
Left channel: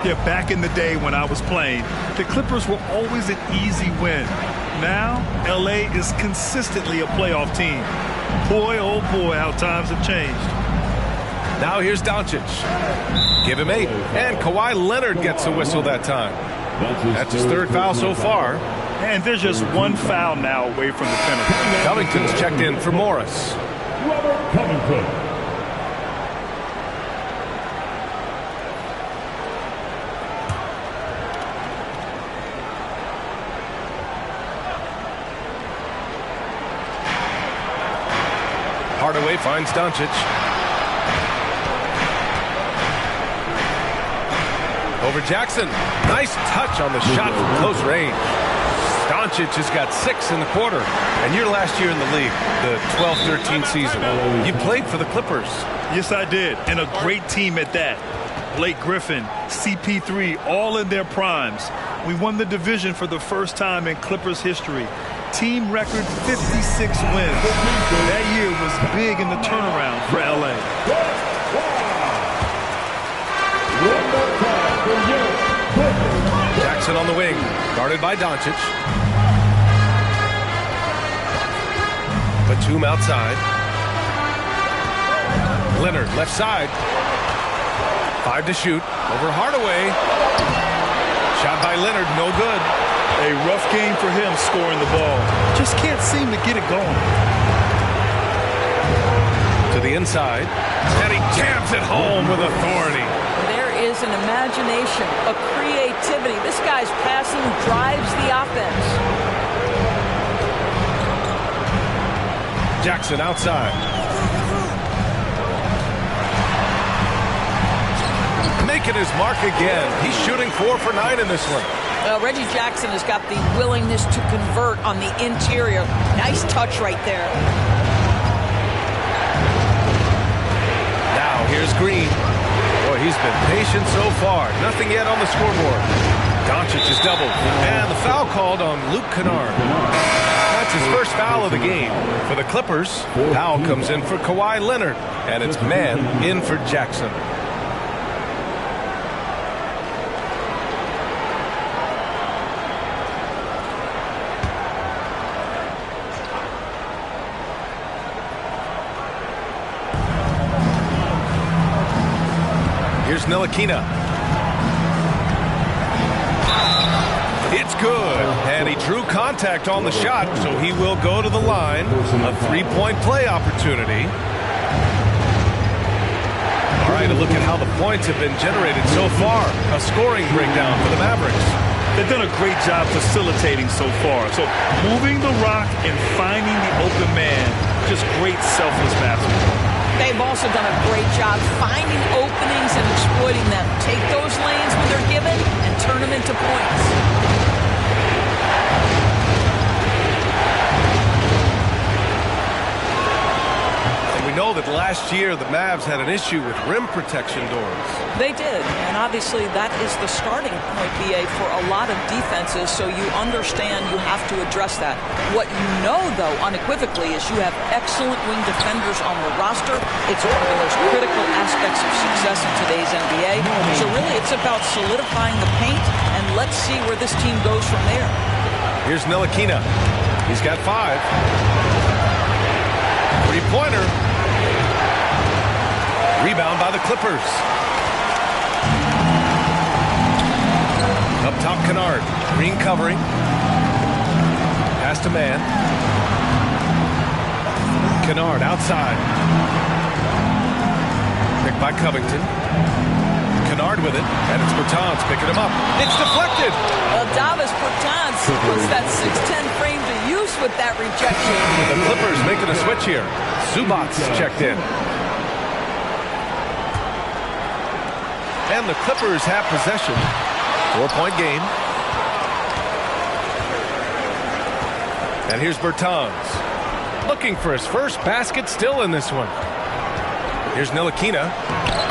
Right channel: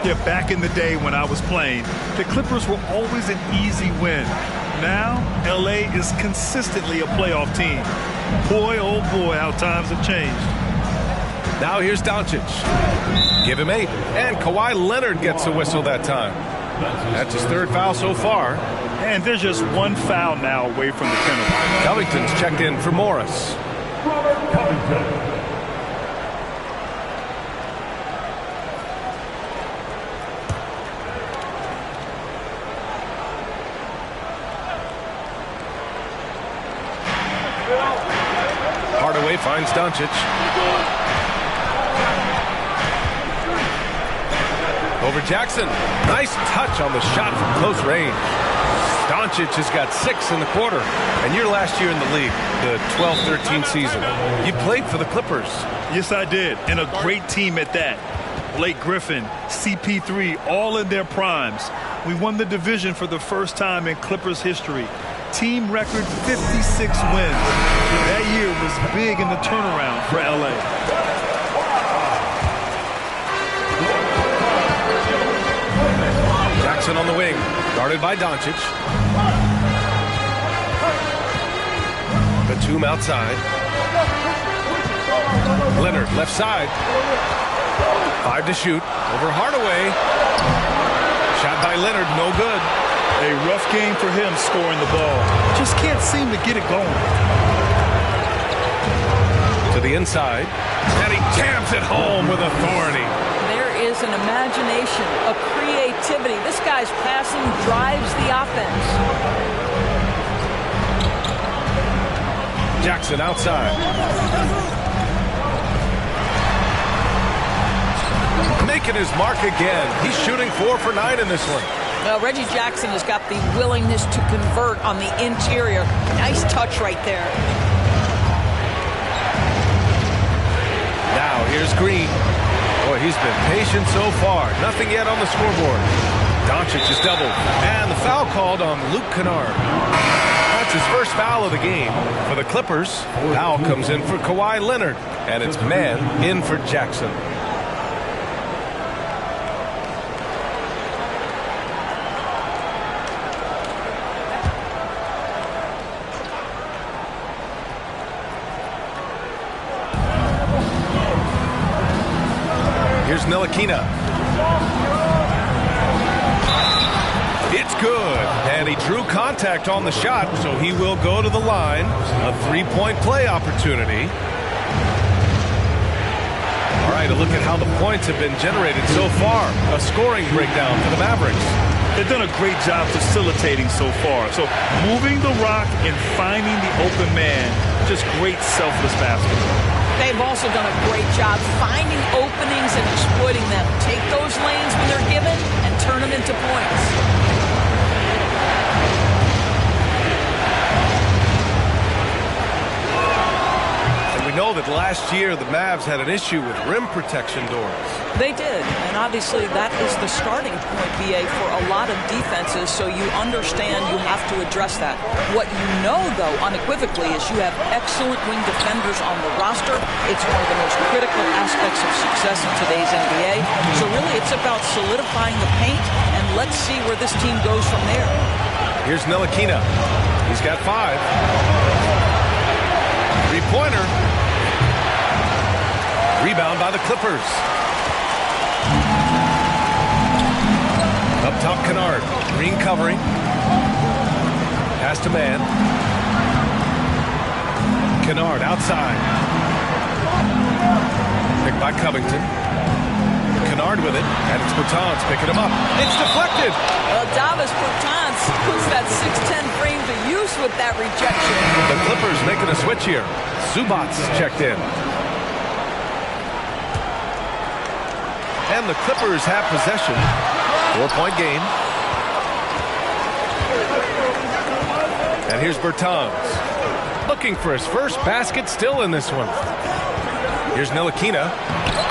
Yeah, back in the day when I was playing, the Clippers were always an easy win. Now, LA is consistently a playoff team. Boy, oh boy, how times have changed. Now here's Doncic. Give him 8. And Kawhi Leonard gets a whistle that time. That's his 3rd foul so far. And there's just 1 foul now away from the penalty. Covington's checked in for Morris. Robert Covington. Hardaway finds Doncic. Over Jackson. Nice touch on the shot from close range. Doncic has got 6 in the quarter. And you're last year in the league, the 12-13 season. You played for the Clippers. Yes, I did. And a great team at that. Blake Griffin, CP3, all in their primes. We won the division for the first time in Clippers history. Team record 56 wins. That year was big in the turnaround for LA. Jackson on the wing, guarded by Doncic. Batum outside. Leonard left side. 5 to shoot. Over Hardaway. Shot by Leonard, no good. A rough game for him scoring the ball. Just can't seem to get it going. To the inside. And he jams it home with authority. There is an imagination, a creativity. This guy's passing drives the offense. Jackson outside. Making his mark again. He's shooting 4 for 9 in this one. Well, Reggie Jackson has got the willingness to convert on the interior. Nice touch right there. Now here's Green. Boy, he's been patient so far. Nothing yet on the scoreboard. Doncic is doubled. And the foul called on Luke Kennard. That's his first foul of the game. For the Clippers, foul comes in for Kawhi Leonard. And it's man in for Jackson. Here's Ntilikina. It's good. And he drew contact on the shot, so he will go to the line. A 3-point play opportunity. All right, a look at how the points have been generated so far. A scoring breakdown for the Mavericks. They've done a great job facilitating so far. So moving the rock and finding the open man, just great selfless basketball. They've also done a great job finding openings and exploiting them. Take those lanes when they're given and turn them into points. And we know that last year the Mavs had an issue with rim protection doors. They did, and obviously that is the starting point, BA, for a lot of defenses, so you understand you have to address that. What you know, though, unequivocally, is you have excellent wing defenders on the roster. It's one of the most critical aspects of success in today's NBA. So really, it's about solidifying the paint, and let's see where this team goes from there. Here's Ntilikina. He's got 5. 3-pointer. Rebound by the Clippers. Up top, Kennard. Green covering. Pass to man. Kennard outside. Picked by Covington. Kennard with it, and it's Bertans picking him up. It's deflected. Well, Davis Bertans puts that 6'10 frame to use with that rejection. The Clippers making a switch here. Zubac's checked in. And the Clippers have possession. 4-point game. And here's Bertans. Looking for his first basket still in this one. Here's Ntilikina.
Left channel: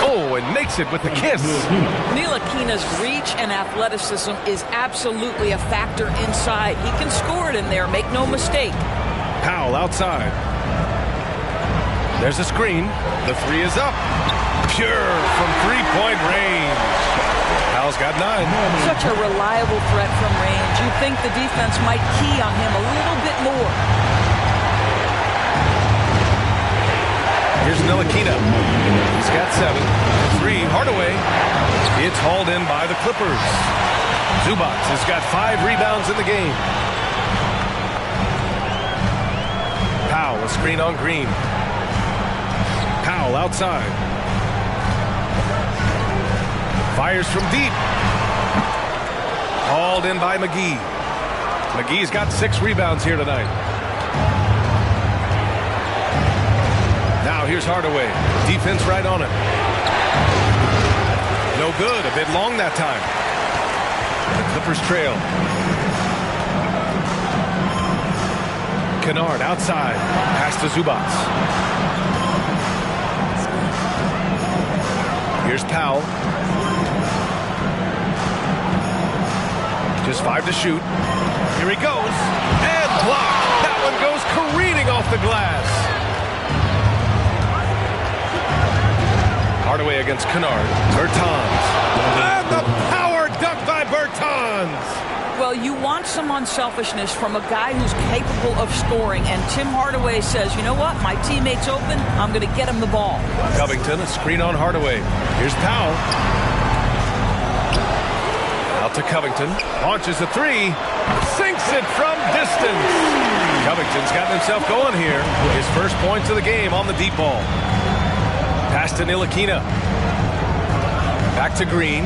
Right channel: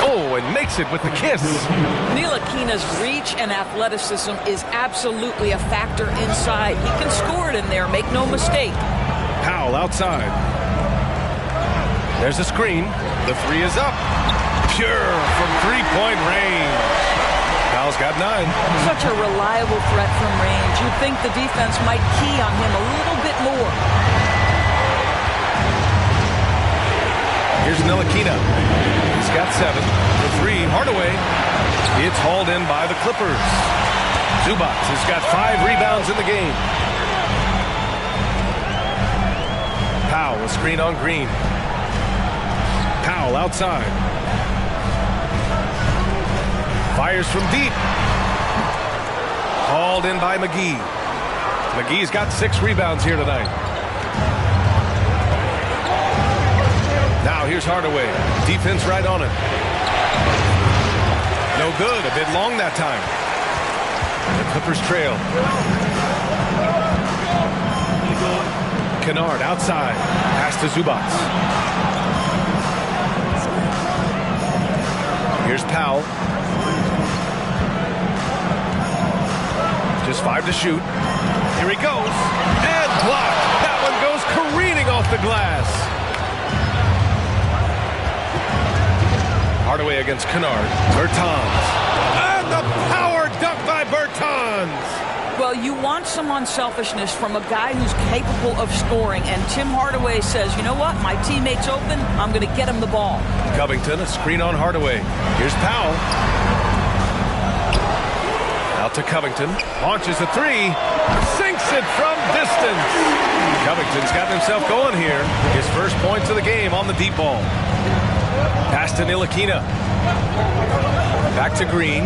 Oh, and makes it with the kiss. Ntilikina's reach and athleticism is absolutely a factor inside. He can score it in there, make no mistake. Powell outside. There's a screen. The three is up. Pure from three-point range. Powell's got 9. Such a reliable threat from range. You'd think the defense might key on him a little bit more. Here's Ntilikina. He's got 7. For 3, Hardaway. It's hauled in by the Clippers. Zubac has got 5 rebounds in the game. Powell, a screen on Green. Powell outside. Fires from deep. Hauled in by McGee. McGee's got 6 rebounds here tonight. Now here's Hardaway. Defense right on him. No good. A bit long that time. The Clippers trail. Kennard outside. Pass to Zubac. Here's Powell. Just 5 to shoot. Here he goes. And blocked. That one goes careening off the glass. Hardaway against Kennard. Bertans. And the power dunk by Bertans. Well, you want some unselfishness from a guy who's capable of scoring. And Tim Hardaway says, you know what? My teammate's open. I'm going to get him the ball. Covington, a screen on Hardaway. Here's Powell. Out to Covington. Launches a 3. Sinks it from distance. Covington's gotten himself going here. His first points of the game on the deep ball. Pass to Ntilikina. Back to Green.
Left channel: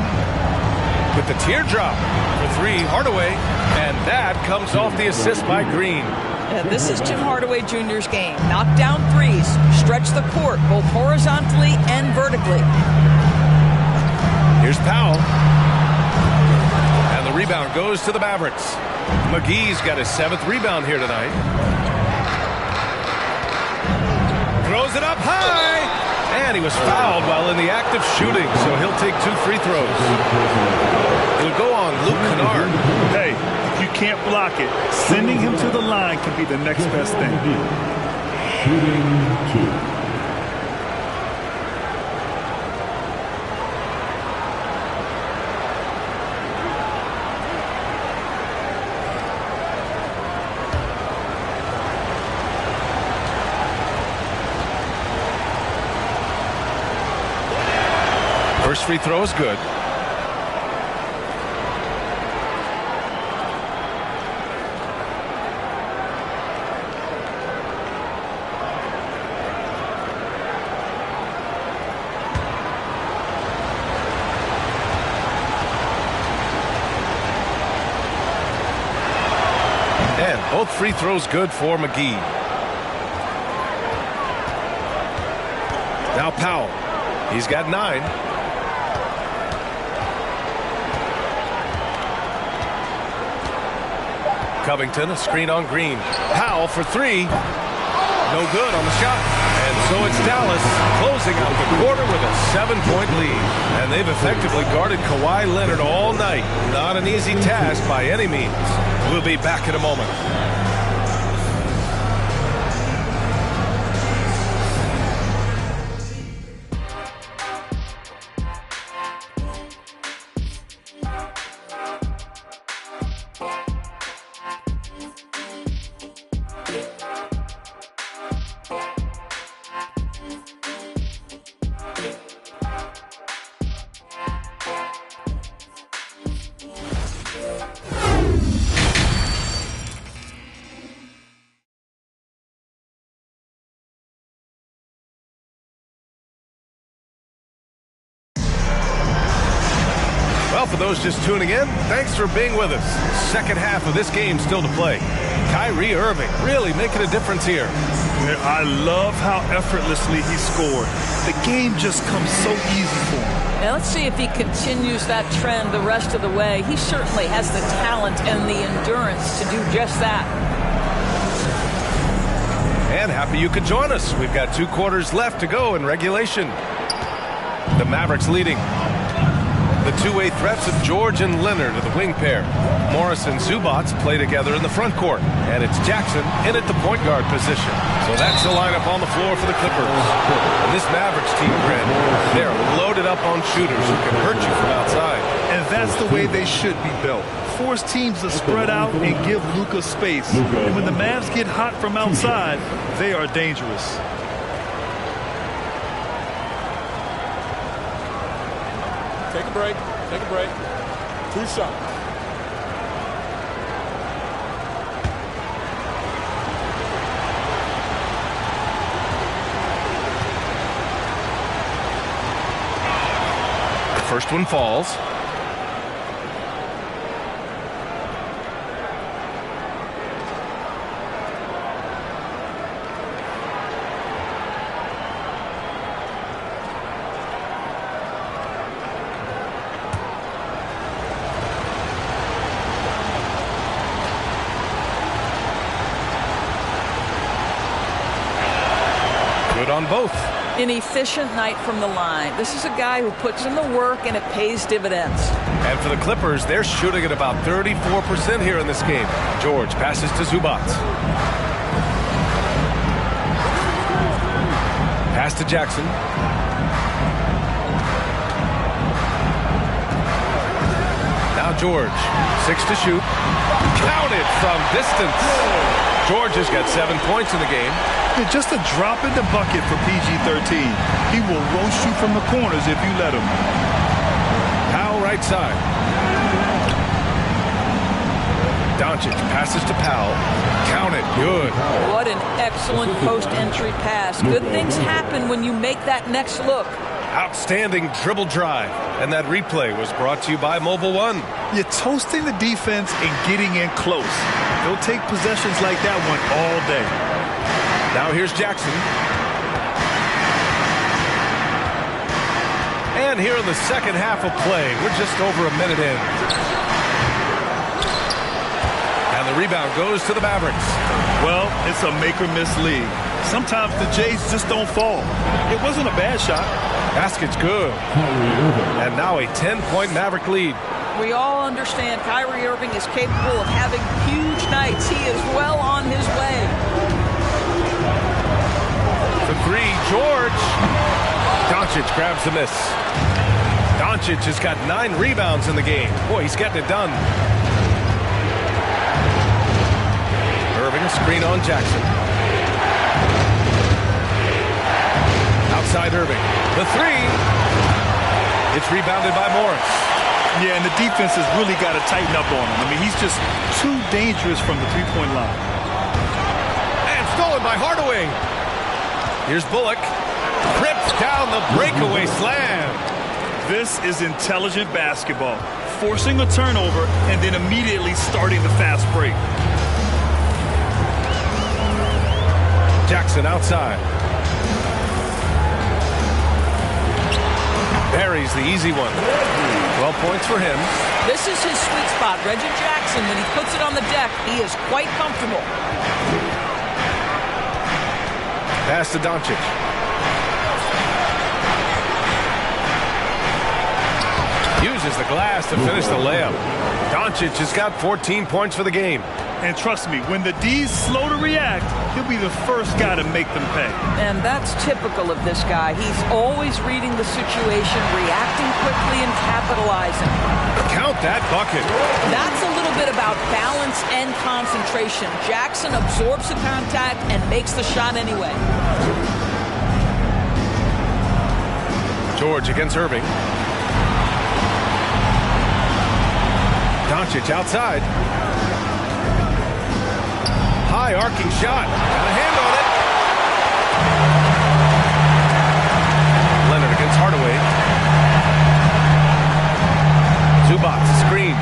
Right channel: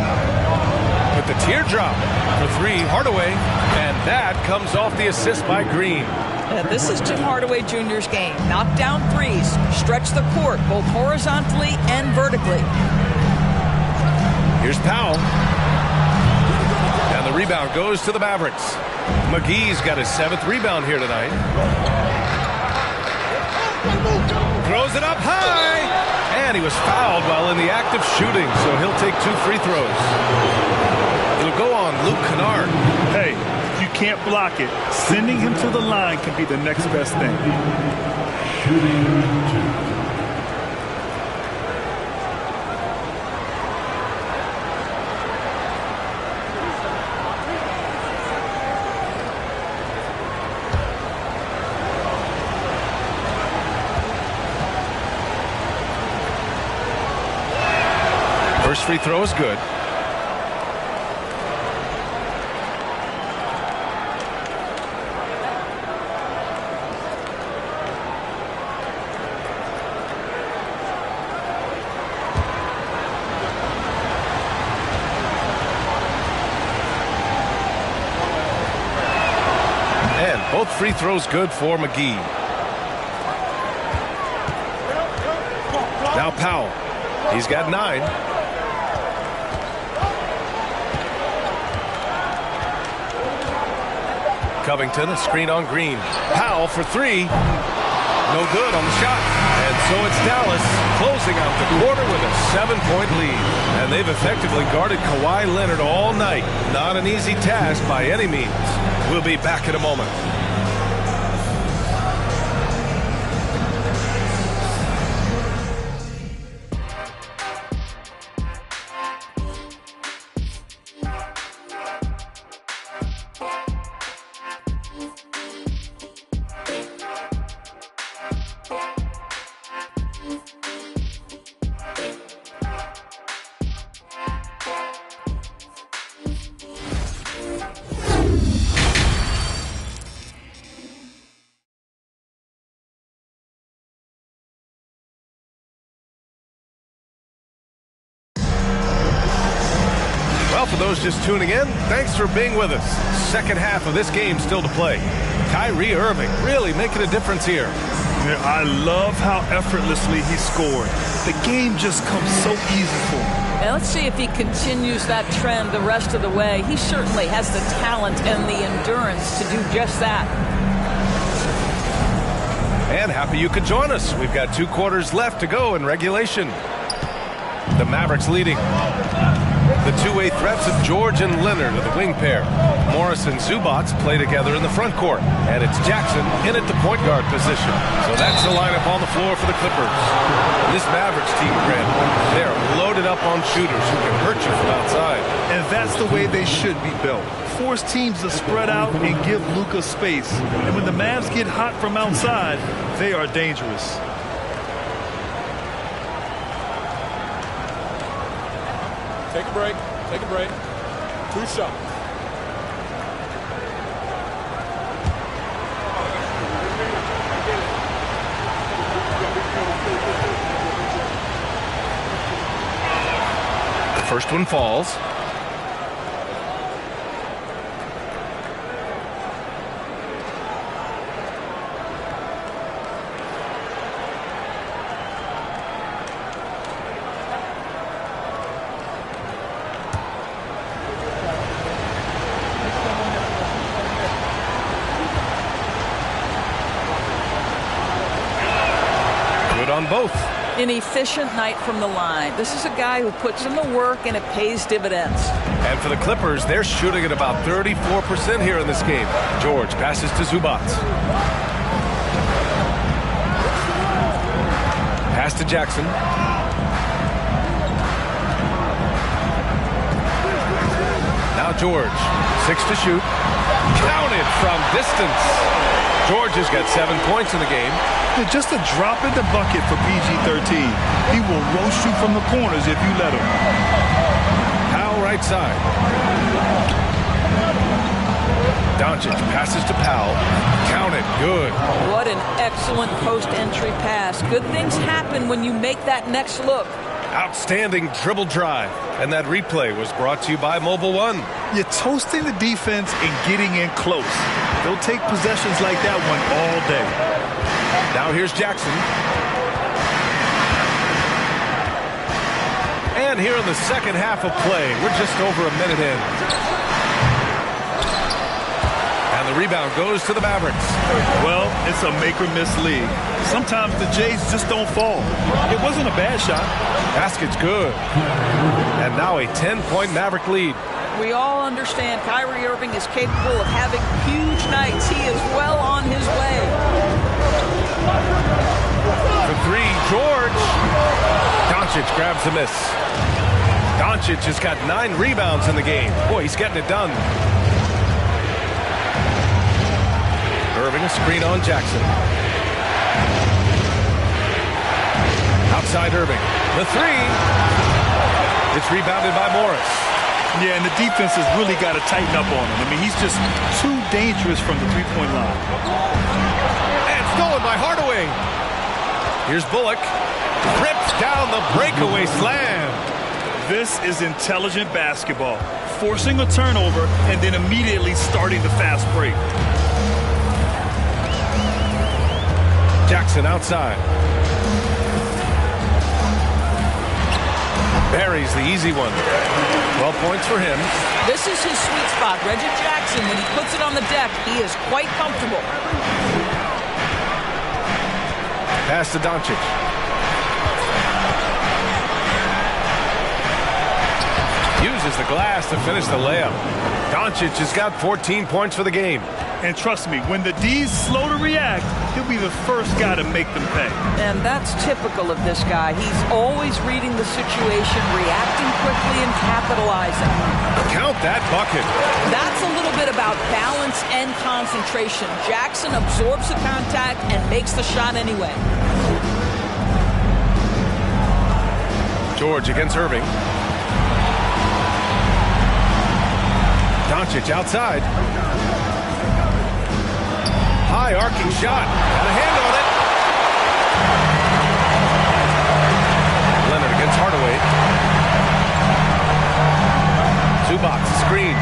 With the teardrop for 3, Hardaway. And that comes off the assist by Green. Yeah, this is Tim Hardaway Jr.'s game. Knock down threes. Stretch the court, both horizontally and vertically. Here's Powell. And the rebound goes to the Mavericks. McGee's got his 7th rebound here tonight. Throws it up high. And he was fouled while in the act of shooting, so he'll take 2 free throws. It'll go on Luke Kennard. Hey, if you can't block it, sending him to the line can be the next best thing. Shooting 2. First free throw is good. And both free throws good for McGee. Now Powell. He's got 9. Covington, a screen on Green. Powell for 3. No good on the shot. And so it's Dallas closing out the quarter with a 7-point lead. And they've effectively guarded Kawhi Leonard all night. Not an easy task by any means. We'll be back in a moment. Well, for those just tuning in, thanks for being with us. Second half of this game still to play. Kyrie Irving really making a difference here. Yeah, I love how effortlessly he scored. The game just comes so easy for him. And let's see if he continues that trend the rest of the way. He certainly has the talent and the endurance to do just that. And happy you could join us. We've got 2 quarters left to go in regulation. The Mavericks leading. The two-way threats of George and Leonard are the wing pair. Morris and Zubac play together in the front court. And it's Jackson in at the point guard position. So that's the lineup on the floor for the Clippers. And this Mavericks team, Brandon, they're loaded up on shooters who can hurt you from outside. And that's the way they should be built. Force teams to spread out and give Luka space. And when the Mavs get hot from outside, they are dangerous. Take a break. Take a break. 2 shots. The first one falls. Good on both. An efficient night from the line. This is a guy who puts in the work and it pays dividends. And for the Clippers, they're shooting at about 34% here in this game. George passes to Zubac. Pass to Jackson. Now George, 6 to shoot. Counted from distance. George has got 7 points in the game. Just a drop in the bucket for PG-13. He will roast you from the corners if you let him. Powell right side. Doncic passes to Powell. Count it. Good. What an excellent post-entry pass. Good things happen when you make that next look. Outstanding dribble drive. And that replay was brought to you by Mobile One. You're toasting the defense and getting in close. They'll take possessions like that one all day. Now here's Jackson. And here in the second half of play, we're just over a minute in. And the rebound goes to the Mavericks. Well, it's a make-or-miss league. Sometimes the Jays just don't fall. It wasn't a bad shot. Basket's good. And now a 10-point Maverick lead. We all understand Kyrie Irving is capable of having huge nights. He is well on his way. For 3, George. Doncic grabs the miss. Doncic has got 9 rebounds in the game. Boy, he's getting it done. Irving, a screen on Jackson. Outside Irving. The 3. It's rebounded by Morris. Yeah, and the defense has really got to tighten up on him. I mean, he's just too dangerous from the three-point line. And stolen by Hardaway. Here's Bullock. Rips down the breakaway slam. This is intelligent basketball. Forcing a turnover and then immediately starting the fast break. Jackson outside. Buries the easy one. 12 points for him. This is his sweet spot. Reggie Jackson, when he puts it on the deck, he is quite comfortable. Pass to Doncic. Uses the glass to finish the layup. Doncic has got 14 points for the game. And trust me, when the D's slow to react, he'll be the first guy to make them pay. And that's typical of this guy. He's always reading the situation, reacting quickly and capitalizing. Count that bucket. That's a little bit about balance and concentration. Jackson absorbs the contact and makes the shot anyway. George against Irving. Doncic outside. High arcing shot. Got a hand on it. Leonard against Hardaway. Zubac screen.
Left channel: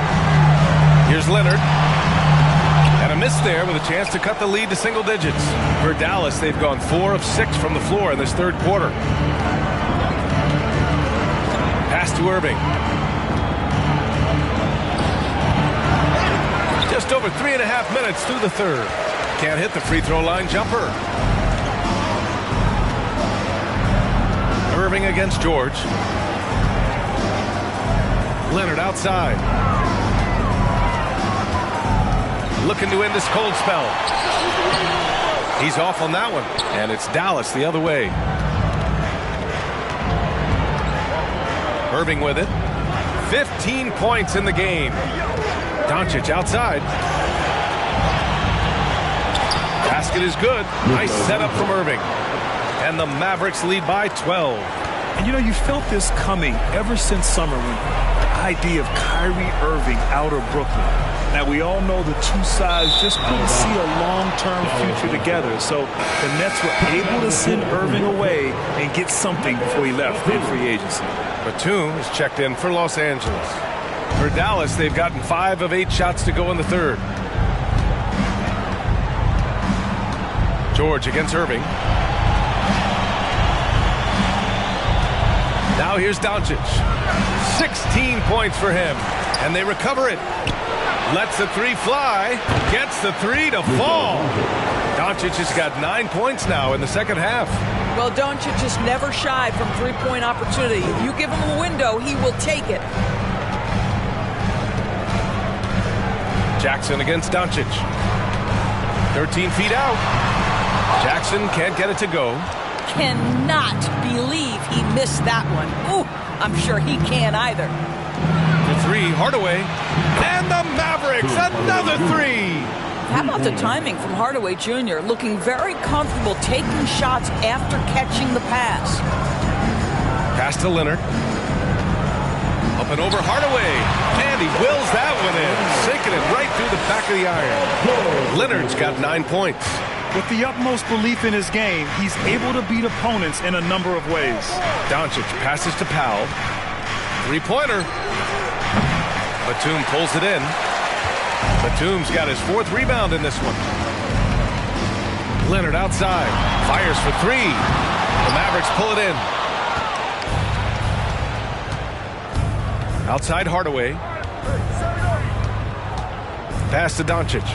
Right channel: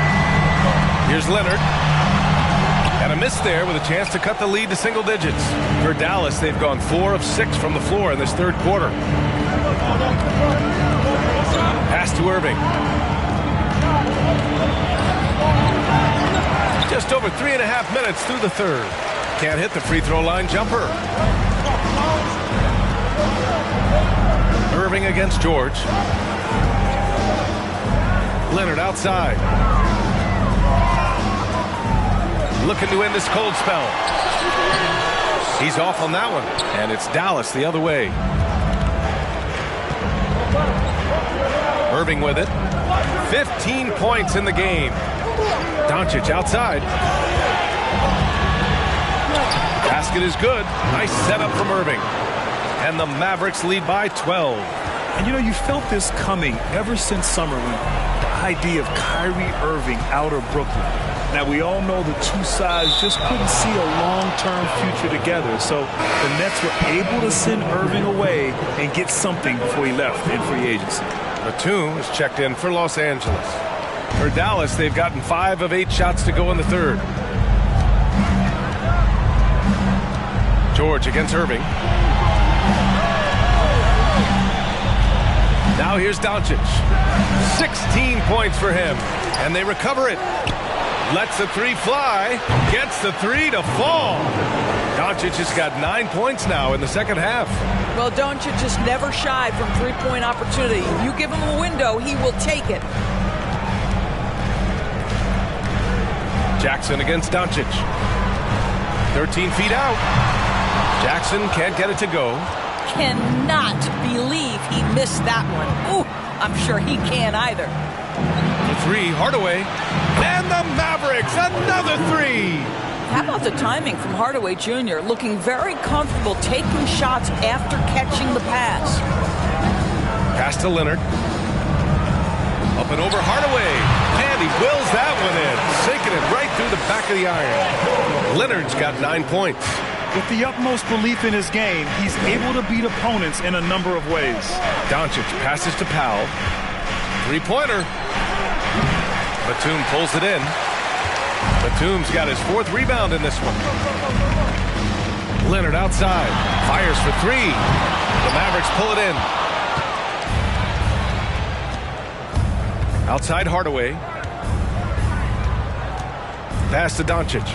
Here's Leonard. And a miss there with a chance to cut the lead to single digits. For Dallas, they've gone 4 of 6 from the floor in this third quarter. Pass to Irving. Just over 3.5 minutes through the third. Can't hit the free throw line jumper. Irving against George. Leonard outside. Looking to end this cold spell. He's off on that one. And it's Dallas the other way. Irving with it. 15 points in the game. Doncic outside. Basket is good. Nice setup from Irving. And the Mavericks lead by 12. And, you know, you felt this coming ever since summer when the idea of Kyrie Irving out of Brooklyn. Now, we all know the two sides just couldn't see a long-term future together. So the Nets were able to send Irving away and get something before he left in free agency. Batum is checked in for Los Angeles. For Dallas, they've gotten 5 of 8 shots to go in the third. George against Irving. Now here's Doncic. 16 points for him. And they recover it. Lets the three fly. Gets the three to fall. Doncic has got 9 points now in the second half. Well, Doncic has never shied from three-point opportunity. You give him a window, he will take it. Jackson against Doncic. 13 feet out. Jackson can't get it to go. Cannot believe he missed that one. Ooh, I'm sure he can't either. The three, Hardaway. And the Mavericks, another three. How about the timing from Hardaway Jr. looking very comfortable taking shots after catching the pass. Pass to Leonard. Up and over Hardaway. And he wills that one in. Sinking it right through the back of the iron. Leonard's got 9 points. With the utmost belief in his game, he's able to beat opponents in a number of ways. Doncic passes to Powell. Three-pointer. Batum pulls it in. Batum's got his 4th rebound in this one. Leonard outside. Fires for 3. The Mavericks pull it in. Outside Hardaway. Pass to Doncic.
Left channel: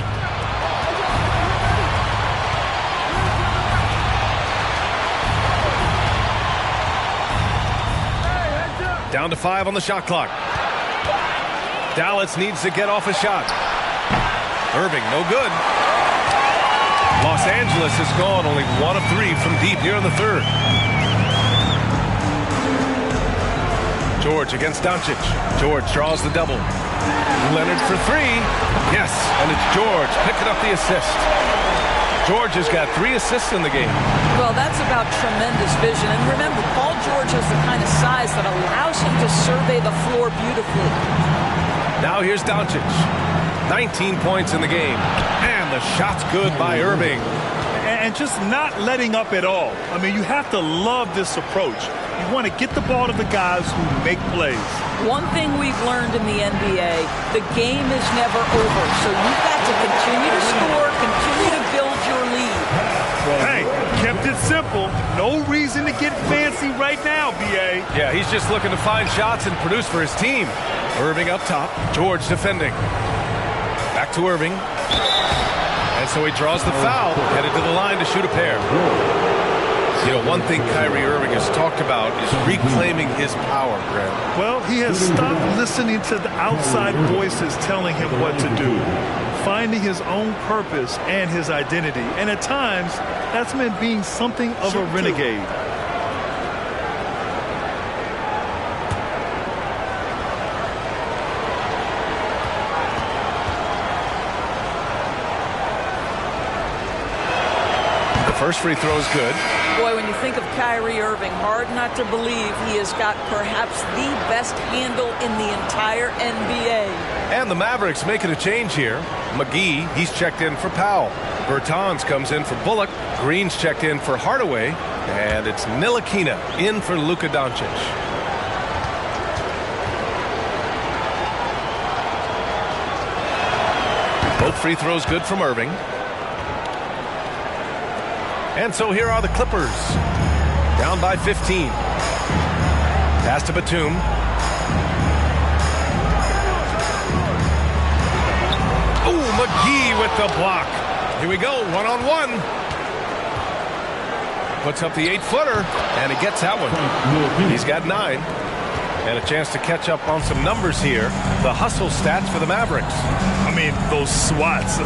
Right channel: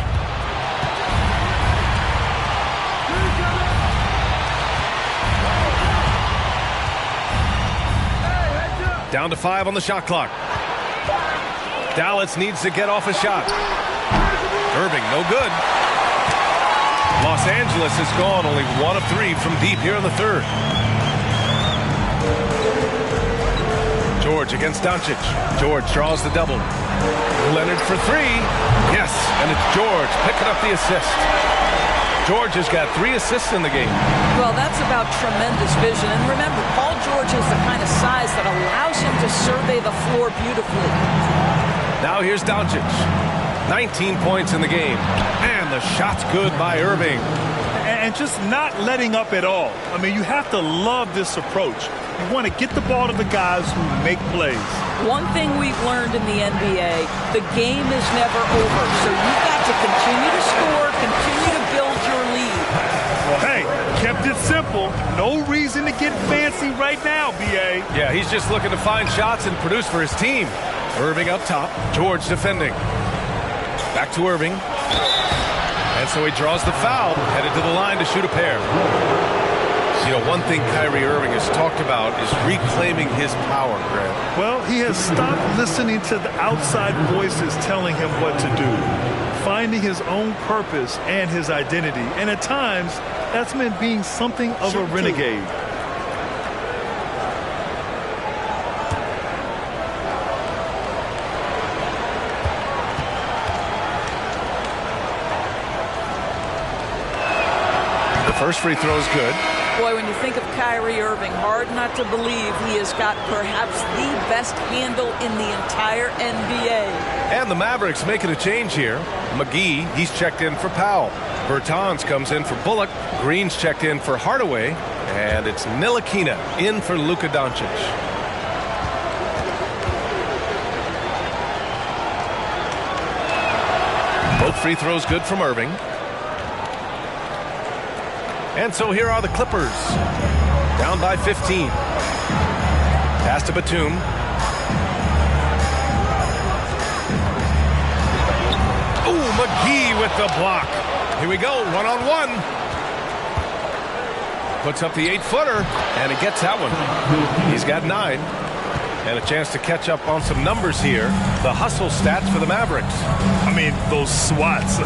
Down to 5 on the shot clock. Dallas needs to get off a shot. Irving, no good. Los Angeles has gone only 1 of 3 from deep here in the third. George against Doncic. George draws the double. Leonard for 3. Yes, and it's George picking up the assist. George has got 3 assists in the game. Well, that's about tremendous vision. And remember, Paul George has the kind of size that allows him to survey the floor beautifully. Now here's Doncic. 19 points in the game. And the shot's good by Irving. And just not letting up at all. I mean, you have to love this approach. You want to get the ball to the guys who make plays. One thing we've learned in the NBA, the game is never over. So you've got to continue to score, continue to build your lead. Well, hey, kept it simple. No reason to get fancy right now, B.A. Yeah, he's just looking to find shots and produce for his team. Irving up top. George defending. Back to Irving. And so he draws the foul, headed to the line to shoot a pair. You know, one thing Kyrie Irving has talked about is reclaiming his power, Grant. Well, he has stopped listening to the outside voices telling him what to do, finding his own purpose and his identity. And at times, that's meant being something of a renegade. The first free throw is good. Boy, when you think of Kyrie Irving, hard not to believe he has got perhaps the best handle in the entire NBA. And the Mavericks making a change here. McGee, he's checked in for Powell. Bertans comes in for Bullock. Green's checked in for Hardaway. And it's Ntilikina in for Luka Doncic. Both free throws good from Irving. And so here are the Clippers. Down by 15. Pass to Batum. Oh, McGee with the block. Here we go, one-on-one. Puts up the 8-footer, and he gets that one. He's got 9. And a chance to catch up on some numbers here. The hustle stats for the Mavericks. I mean, those swats,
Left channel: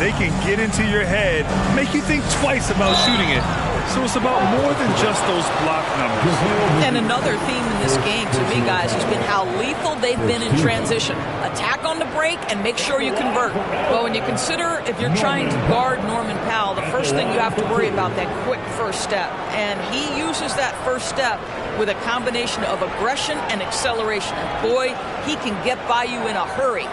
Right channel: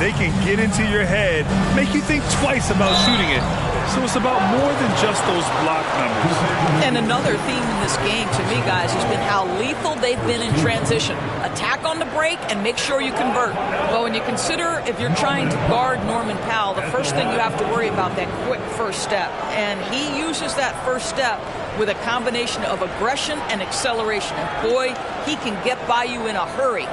they can get into your head, make you think twice about shooting it. So it's about more than just those block numbers. And another theme in this game, to me, guys, has been how lethal they've been in transition. Attack on the break and make sure you convert. Well, when you consider if you're trying to guard Norman Powell, the first thing you have to worry about that quick first step. And he uses that first step with a combination of aggression and acceleration. And boy, he can get by you in a hurry.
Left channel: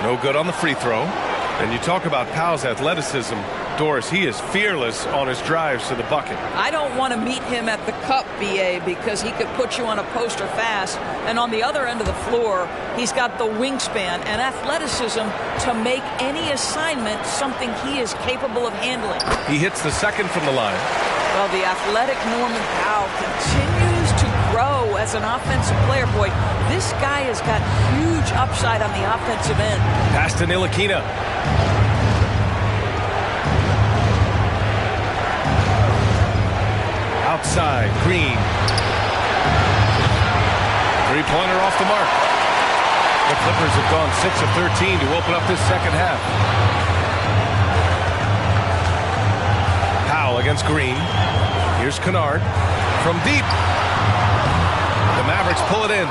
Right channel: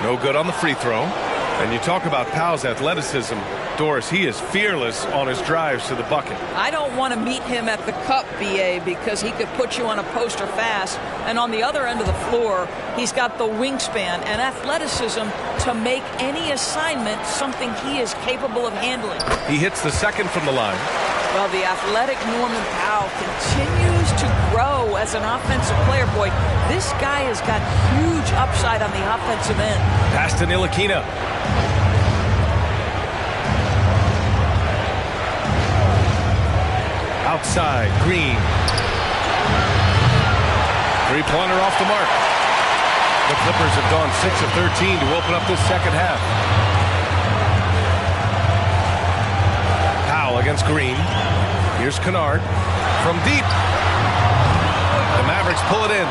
No good on the free throw. And you talk about Powell's athleticism. Doris, he is fearless on his drives to the bucket. I don't want to meet him at the cup, BA, because he could put you on a poster fast. And on the other end of the floor, he's got the wingspan and athleticism to make any assignment something he is capable of handling. He hits the second from the line. Well, the athletic Norman Powell continues to grow as an offensive player. Boy, this guy has got huge upside on the offensive end. Pass to Ntilikina. Outside, Green. Three-pointer off the mark. The Clippers have gone 6 of 13 to open up this second half. Powell against Green. Here's Kennard from deep. The Mavericks pull it in.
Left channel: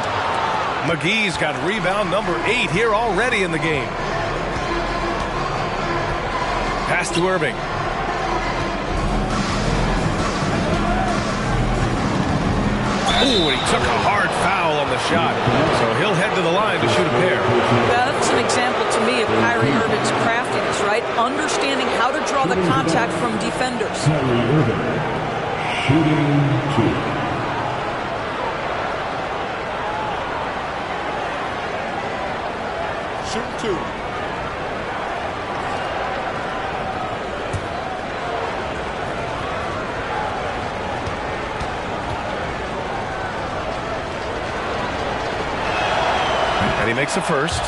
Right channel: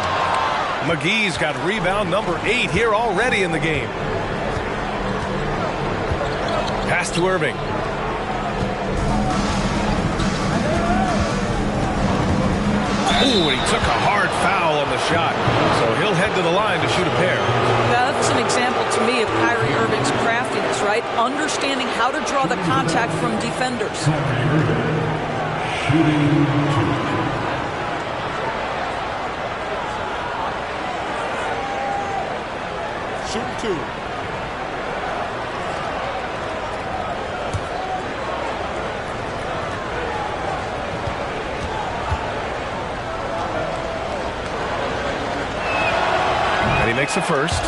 McGee's got rebound number 8 here already in the game. Pass to Irving. Ooh, and he took a hard foul on the shot. So he'll head to the line to shoot a pair. That's an example to me of Kyrie Irving's craftiness, right? Understanding how to draw the contact from defenders. Kyrie Irving, shooting 2. Shooting 2. And he makes a first.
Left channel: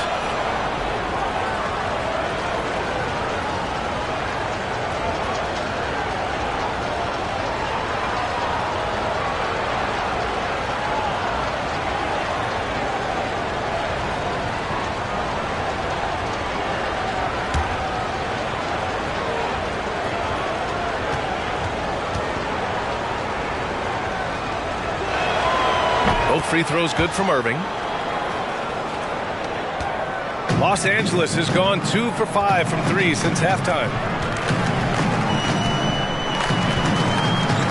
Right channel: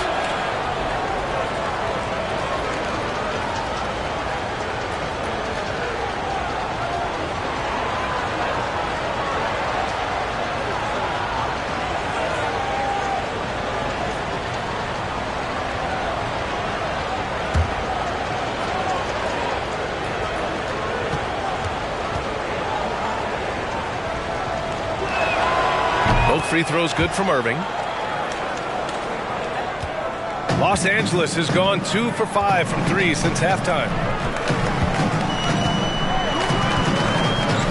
Both free throws good from Irving. Los Angeles has gone 2 for 5 from 3 since halftime.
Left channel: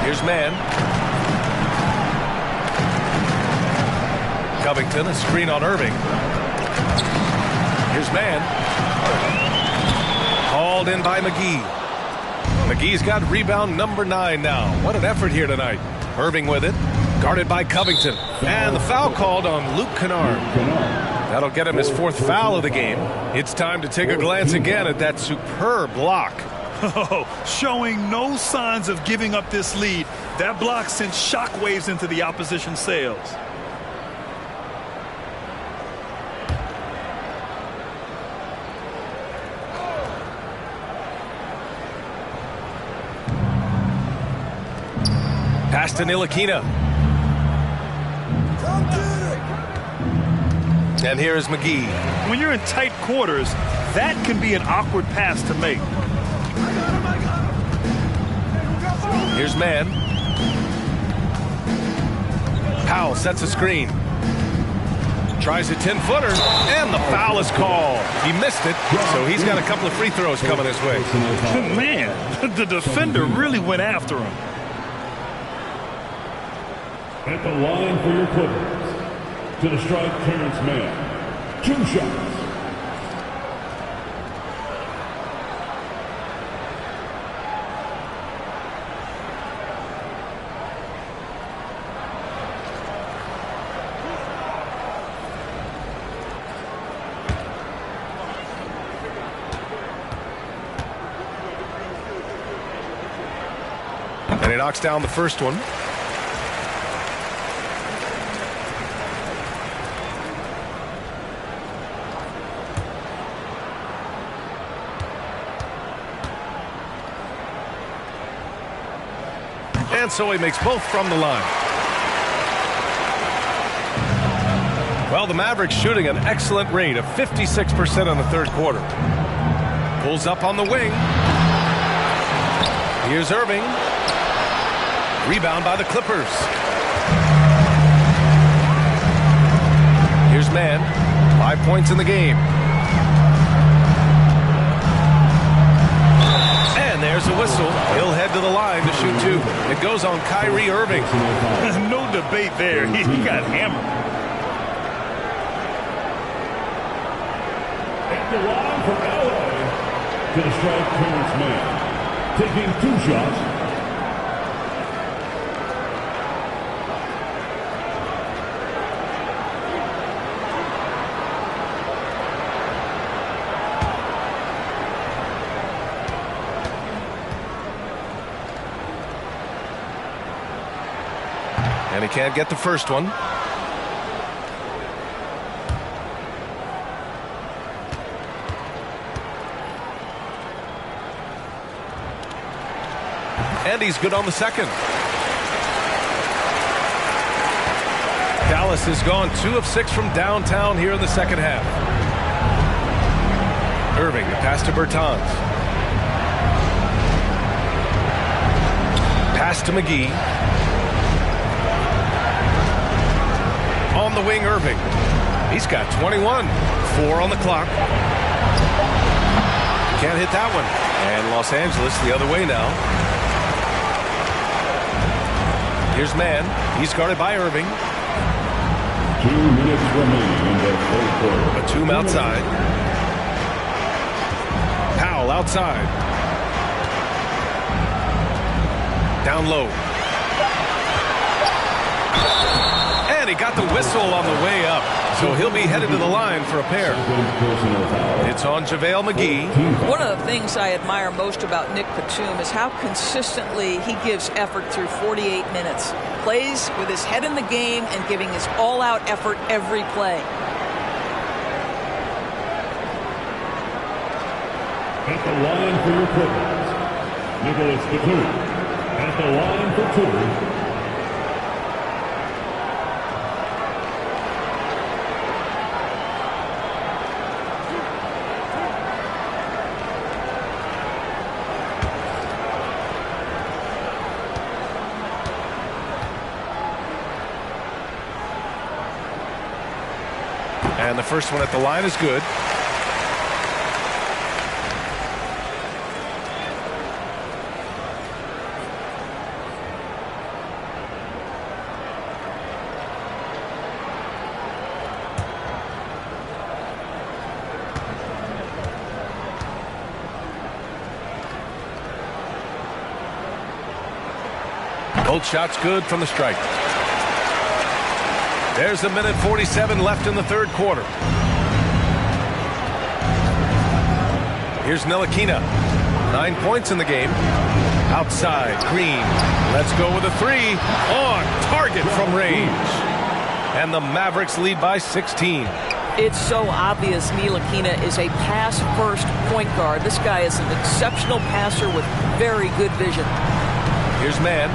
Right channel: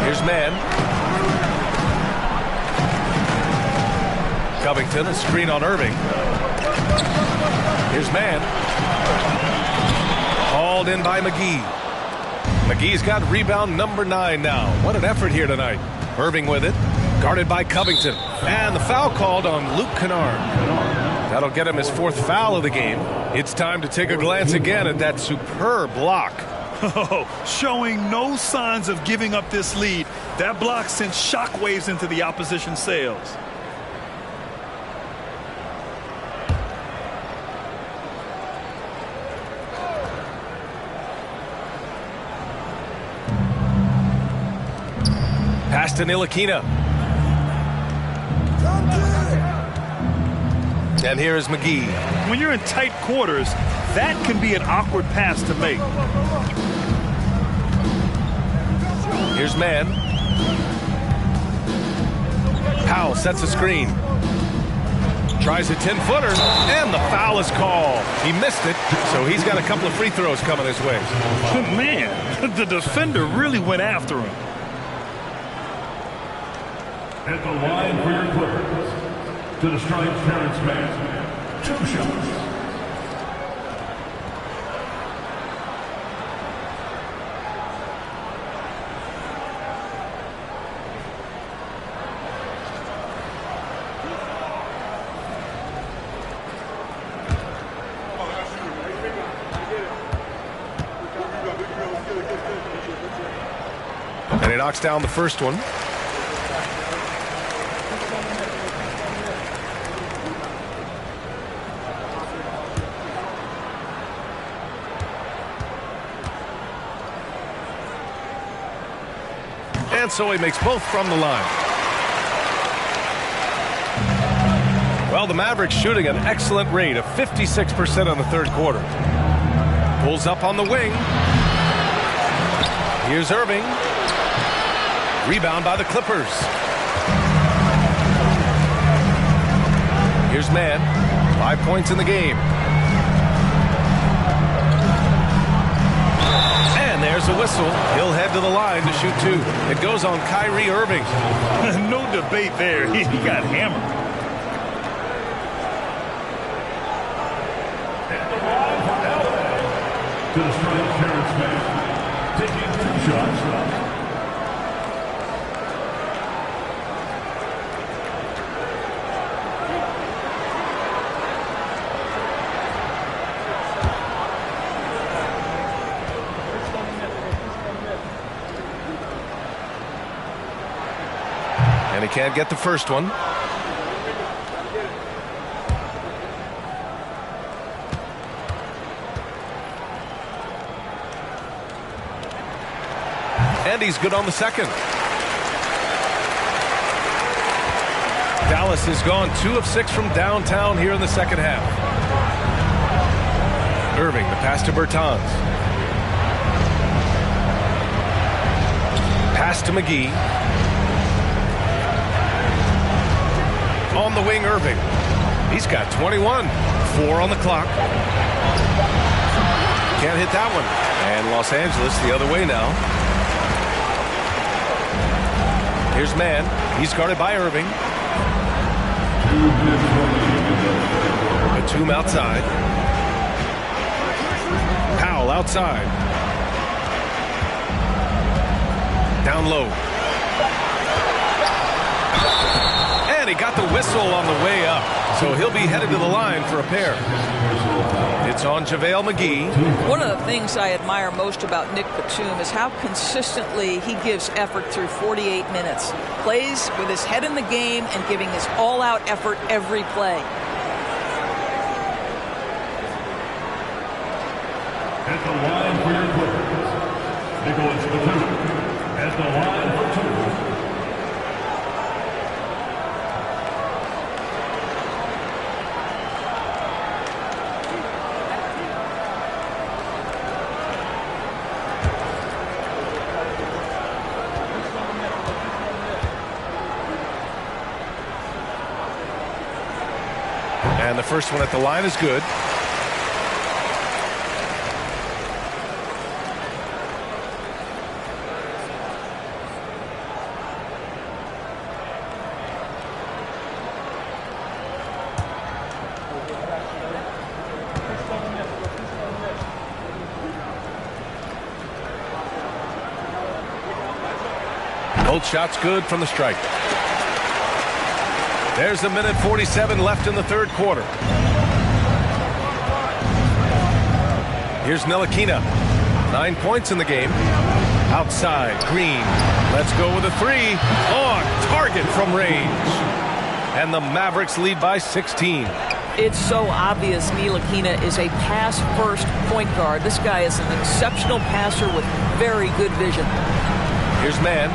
Here's Mann. Covington, a screen on Irving. Here's Mann. Hauled in by McGee. McGee's got rebound number 9 now. What an effort here tonight. Irving with it. Guarded by Covington. And the foul called on Luke Kennard. That'll get him his 4th foul of the game. It's time to take a glance again at that superb block. Oh, showing no signs of giving up this lead. That block sent shockwaves into the opposition sails. Pass to Ntilikina. And here is McGee. When you're in tight quarters, that can be an awkward pass to make. Here's Mann. Powell sets a screen. Tries a 10-footer, and the foul is called. He missed it, so he's got a couple of free throws coming his way. Man, the defender really went after him. At the line for your Clippers. To the stripe, Terrence Mann. 2 shots. And he knocks down the first one. And so he makes both from the line. Well, the Mavericks shooting an excellent rate of 56% on the third quarter. Pulls up on the wing. Here's Irving. Rebound by the Clippers. Here's Mann. 5 points in the game. And there's a whistle. He'll head to the line to shoot 2. It goes on Kyrie Irving. No debate there. He got hammered. At the line for LA, to the strike, Terrence Mann, taking 2 shots. And he can't get the first one. And he's good on the second. Dallas has gone 2 of 6 from downtown here in the second half. Irving, the pass to Bertans. Pass to McGee. On the wing, Irving. He's got 21. 4 on the clock. Can't hit that one. And Los Angeles the other way now. Here's Mann. He's guarded by Irving. 2 minutes remaining in the third quarter. Batum outside. Powell outside. Down low. And he got the whistle on the way up. So he'll be headed to the line for a pair. It's on JaVale McGee. One of the things I admire most about Nick Batum is how consistently he gives effort through 48 minutes. Plays with his head in the game and giving his all-out effort every play. At the line for your Clippers, Nicholas Batum. At the line for 2. And the first one at the line is good. Both shots good from the strike. There's a minute 47 left in the third quarter. Here's Ntilikina. 9 points in the game. Outside, Green. Let's go with a 3. On target from range. And the Mavericks lead by 16. It's so obvious Ntilikina is a pass-first point guard. This guy is an exceptional passer with very good vision. Here's Mann.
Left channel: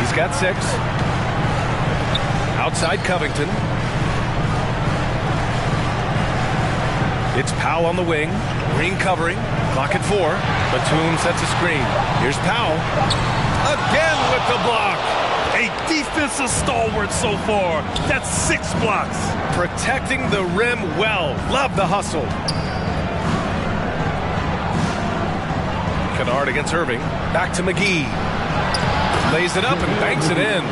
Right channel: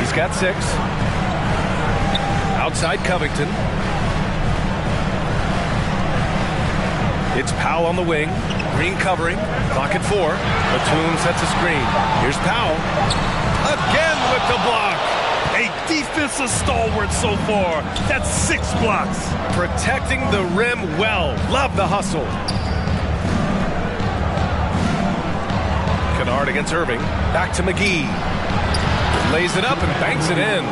He's got 6. Outside Covington. It's Powell on the wing. Green covering. Clock at 4. Batum sets a screen. Here's Powell. Again with the block. A defensive stalwart so far. That's 6 blocks. Protecting the rim well. Love the hustle. Kennard against Irving. Back to McGee. Lays it up and banks it in.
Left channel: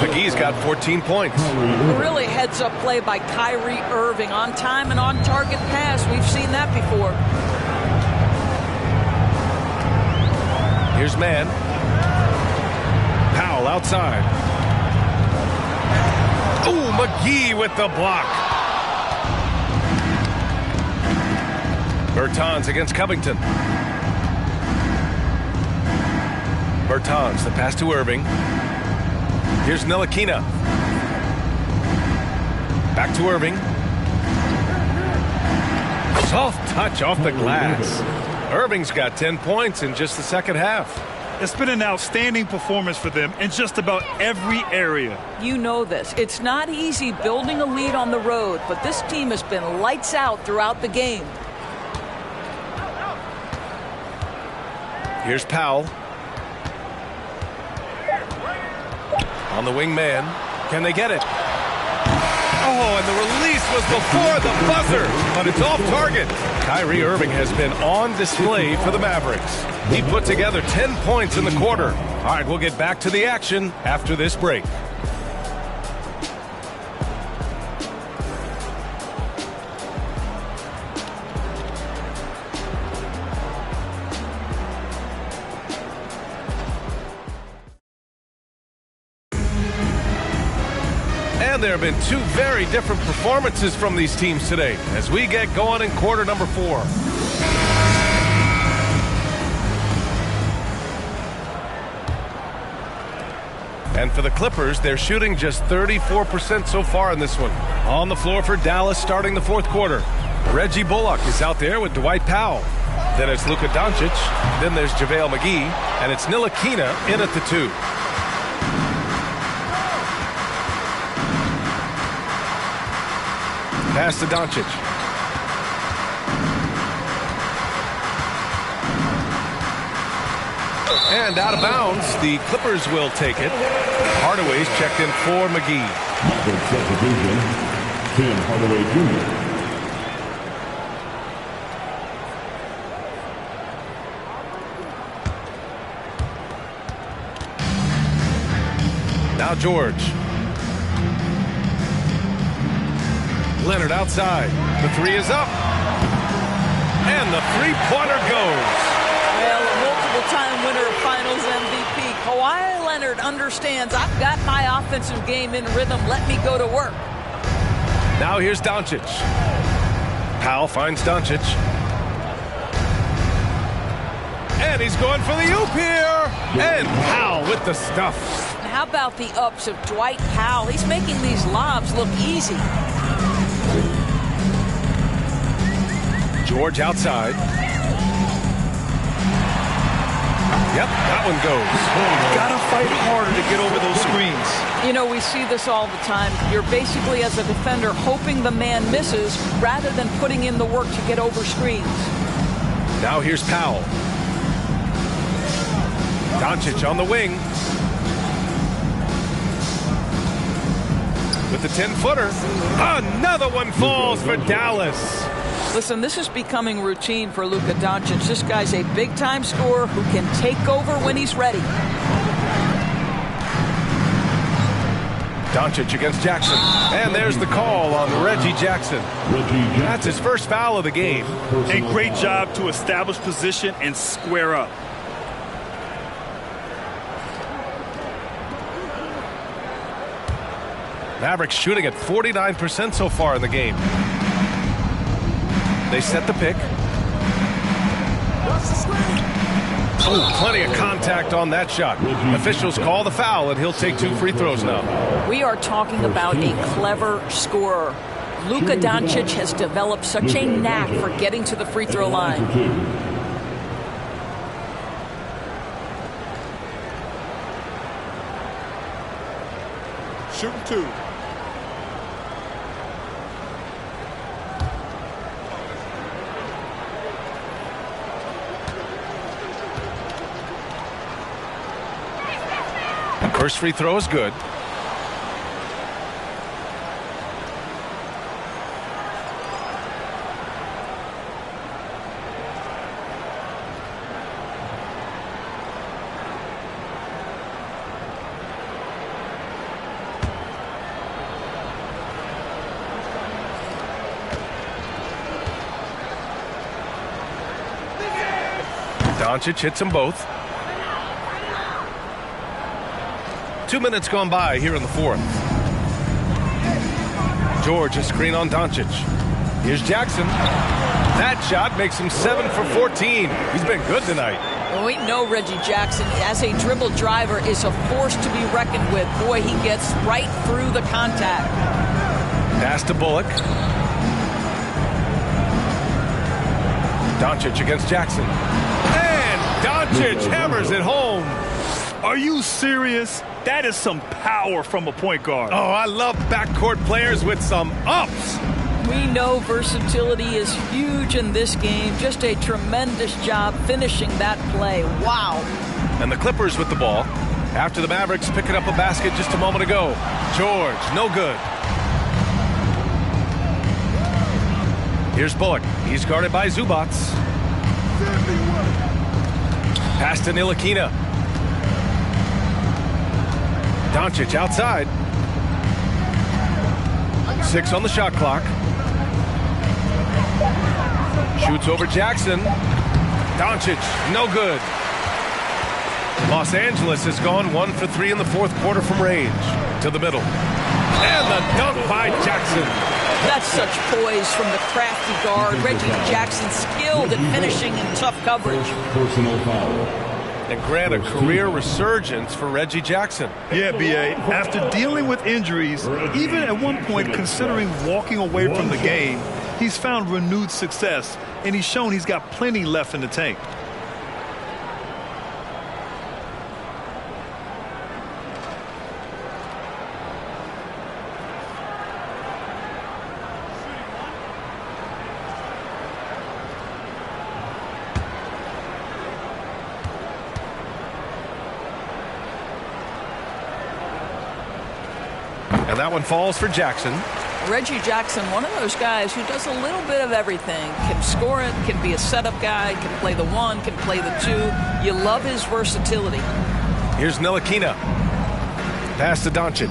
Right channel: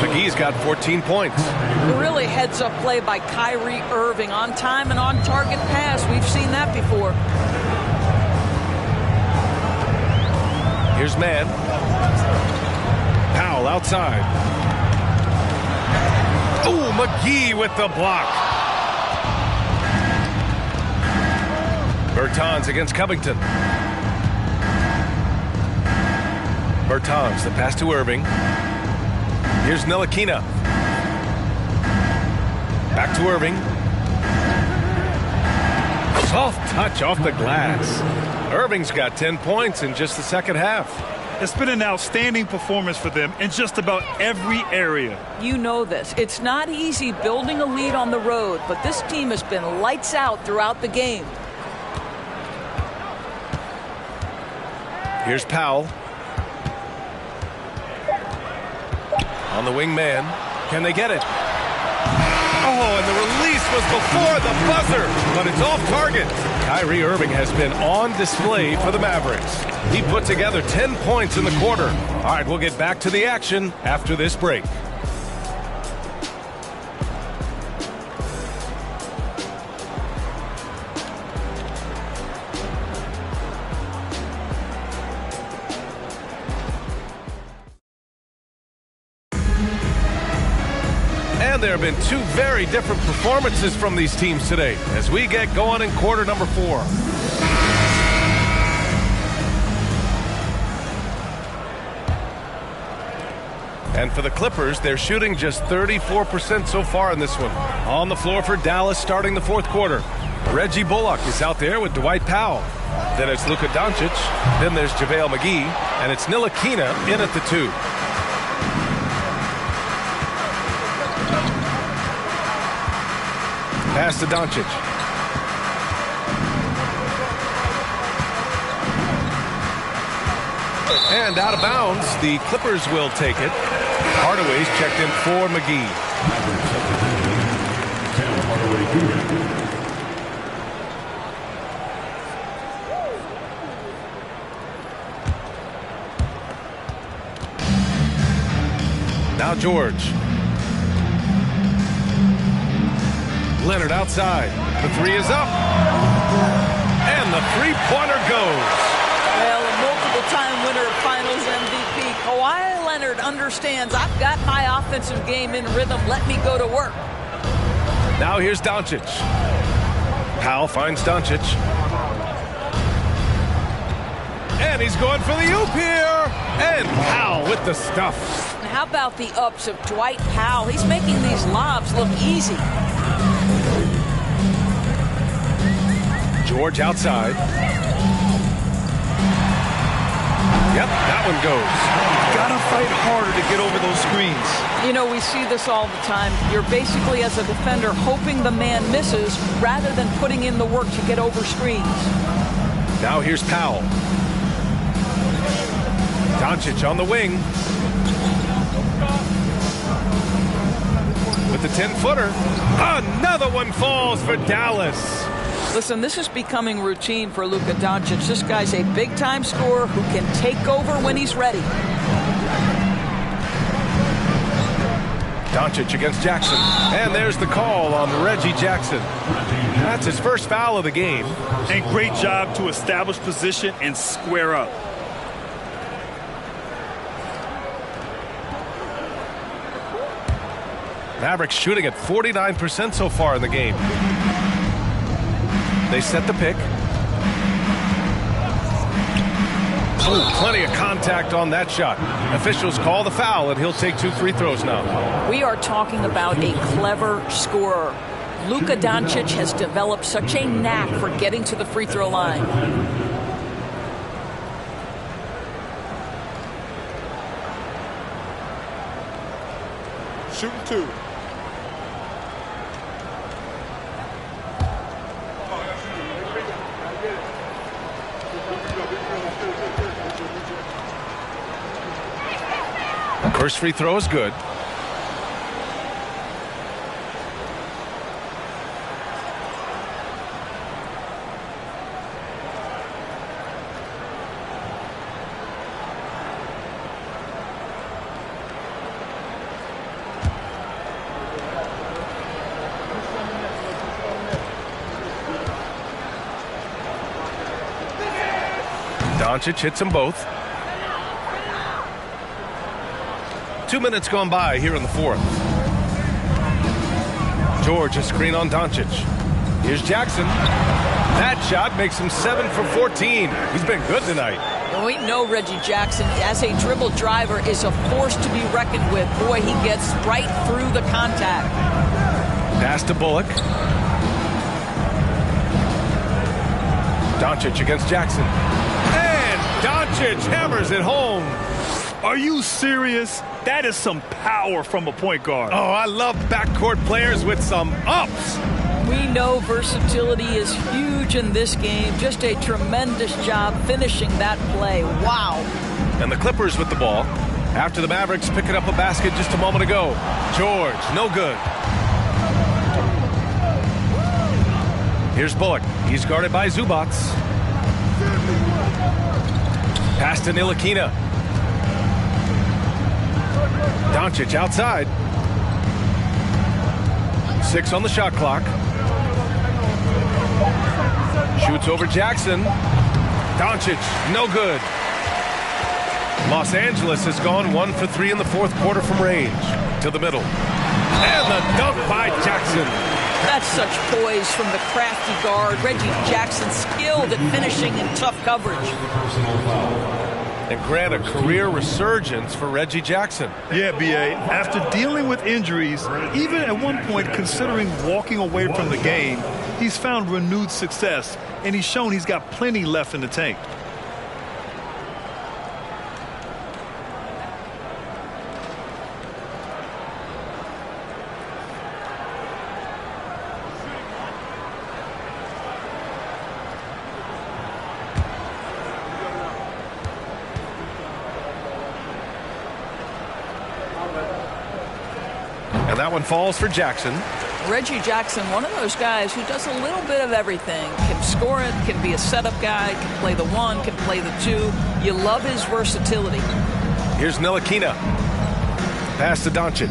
McGee's got 14 points. Really heads-up play by Kyrie Irving. On time and on target pass. We've seen that before. Here's Mann. Powell outside. Oh, McGee with the block. Bertans against Covington. Bertans, the pass to Irving. Here's Ntilikina. Back to Irving. Soft touch off the glass. Irving's got 10 points in just the second half. It's been an outstanding performance for them in just about every area. You know this. It's not easy building a lead on the road, but this team has been lights out throughout the game. Here's Powell. On the wing man. Can they get it? Oh, and the release was before the buzzer, but it's off target. Kyrie Irving has been on display for the Mavericks. He put together 10 points in the quarter. All right, we'll get back to the action after this break. And there have been two very different performances from these teams today as we get going in quarter number 4. And for the Clippers, they're shooting just 34% so far in this one. On the floor for Dallas starting the fourth quarter. Reggie Bullock is out there with Dwight Powell. Then it's Luka Doncic. Then there's JaVale McGee. And it's Ntilikina in at the 2. Pass to Doncic. And out of bounds, the Clippers will take it. Hardaway's checked in for McGee. Tim Hardaway Jr. Now George. Leonard outside. The 3 is up. And the three-pointer goes. Well, a multiple-time winner of Finals MVP, Kawhi Leonard understands I've got my offensive game in rhythm. Let me go to work. Now here's Doncic. Powell finds Doncic. And he's going for the oop here. And Powell with the stuff. And how about the ups of Dwight Powell? He's making these lobs look easy. George outside. Yep, that one goes. Gotta fight harder to get over those screens. You know, we see this all the time. You're basically, as a defender, hoping the man misses rather than putting in the work to get over screens. Now here's Powell. Doncic on the wing. With the 10-footer. Another one falls for Dallas. Listen, this is becoming routine for Luka Doncic. This guy's a big-time scorer who can take over when he's ready. Doncic against Jackson. And there's the call on Reggie Jackson. That's his first foul of the game. And great job to establish position and square up. Mavericks shooting at 49% so far in the game. They set the pick. Oh, plenty of contact on that shot. Officials call the foul, and he'll take 2 free throws now. We are talking about a clever scorer. Luka Doncic has developed such a knack for getting to the free throw line. Shooting 2. First free throw is good. Doncic hits them both. 2 minutes gone by here in the fourth. George, a screen on Doncic. Here's Jackson. That shot makes him 7 for 14. He's been good tonight. And we know Reggie Jackson, as a dribble driver, is a force to be reckoned with. Boy, he gets right through the contact. Pass to Bullock. Doncic against Jackson. And Doncic hammers it home. Are you serious? That is some power from a point guard. Oh, I love backcourt players with some ups. We know versatility is huge in this game. Just a tremendous job finishing that play. Wow. And the Clippers with the ball. After the Mavericks picking up a basket just a moment ago. George, no good. Here's Bullock. He's guarded by Zubac. Pass to Ntilikina. Doncic outside. 6 on the shot clock. Shoots over Jackson. Doncic, no good. Los Angeles has gone 1 for 3 in the fourth quarter from range. To the middle. And the dunk by Jackson. That's such poise from the crafty guard. Reggie Jackson skilled at finishing in tough coverage. Personal foul. And grant a career resurgence for Reggie Jackson. Yeah, B.A. After dealing with injuries, even at one point considering walking away from the game, he's found renewed success, and he's shown he's got plenty left in the tank. And that one falls for Jackson. Reggie Jackson, one of those guys who does a little bit of everything. Can score it, can be a setup guy, can play the 1, can play the 2. You love his versatility. Here's Ntilikina. Pass to Doncic.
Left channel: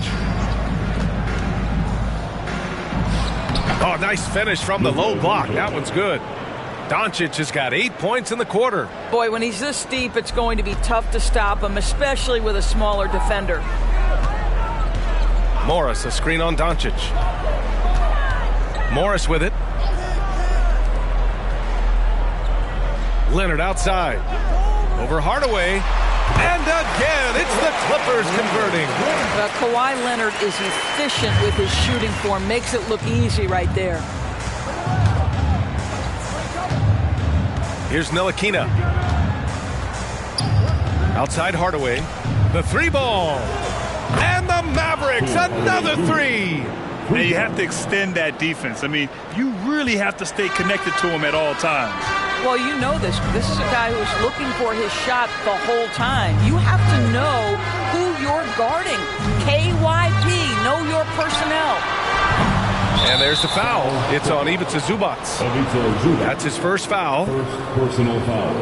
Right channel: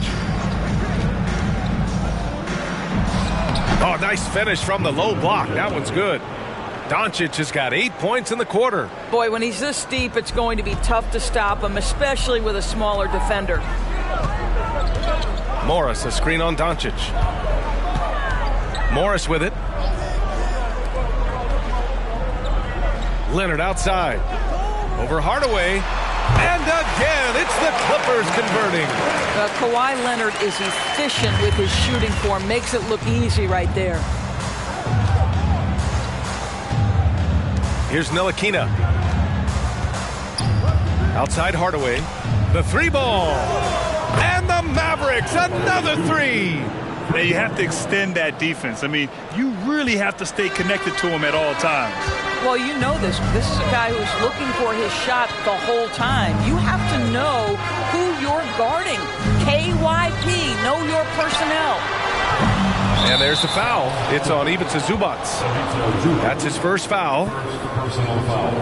Oh, nice finish from the low block. That one's good. Doncic has got 8 points in the quarter. Boy, when he's this deep, it's going to be tough to stop him, especially with a smaller defender. Morris, a screen on Doncic. Morris with it. Leonard outside. Over Hardaway. And again, it's the Clippers converting. Kawhi Leonard is efficient with his shooting form. Makes it look easy right there. Here's Ntilikina. Outside Hardaway. The 3-ball. And the Mavericks, another 3. Now, you have to extend that defense. I mean, you really have to stay connected to him at all times. Well, you know this. This is a guy who's looking for his shot the whole time. You have to know who you're guarding. KYP, know your personnel. And there's the foul. It's on Ivica Zubac. That's his first foul. First personal foul.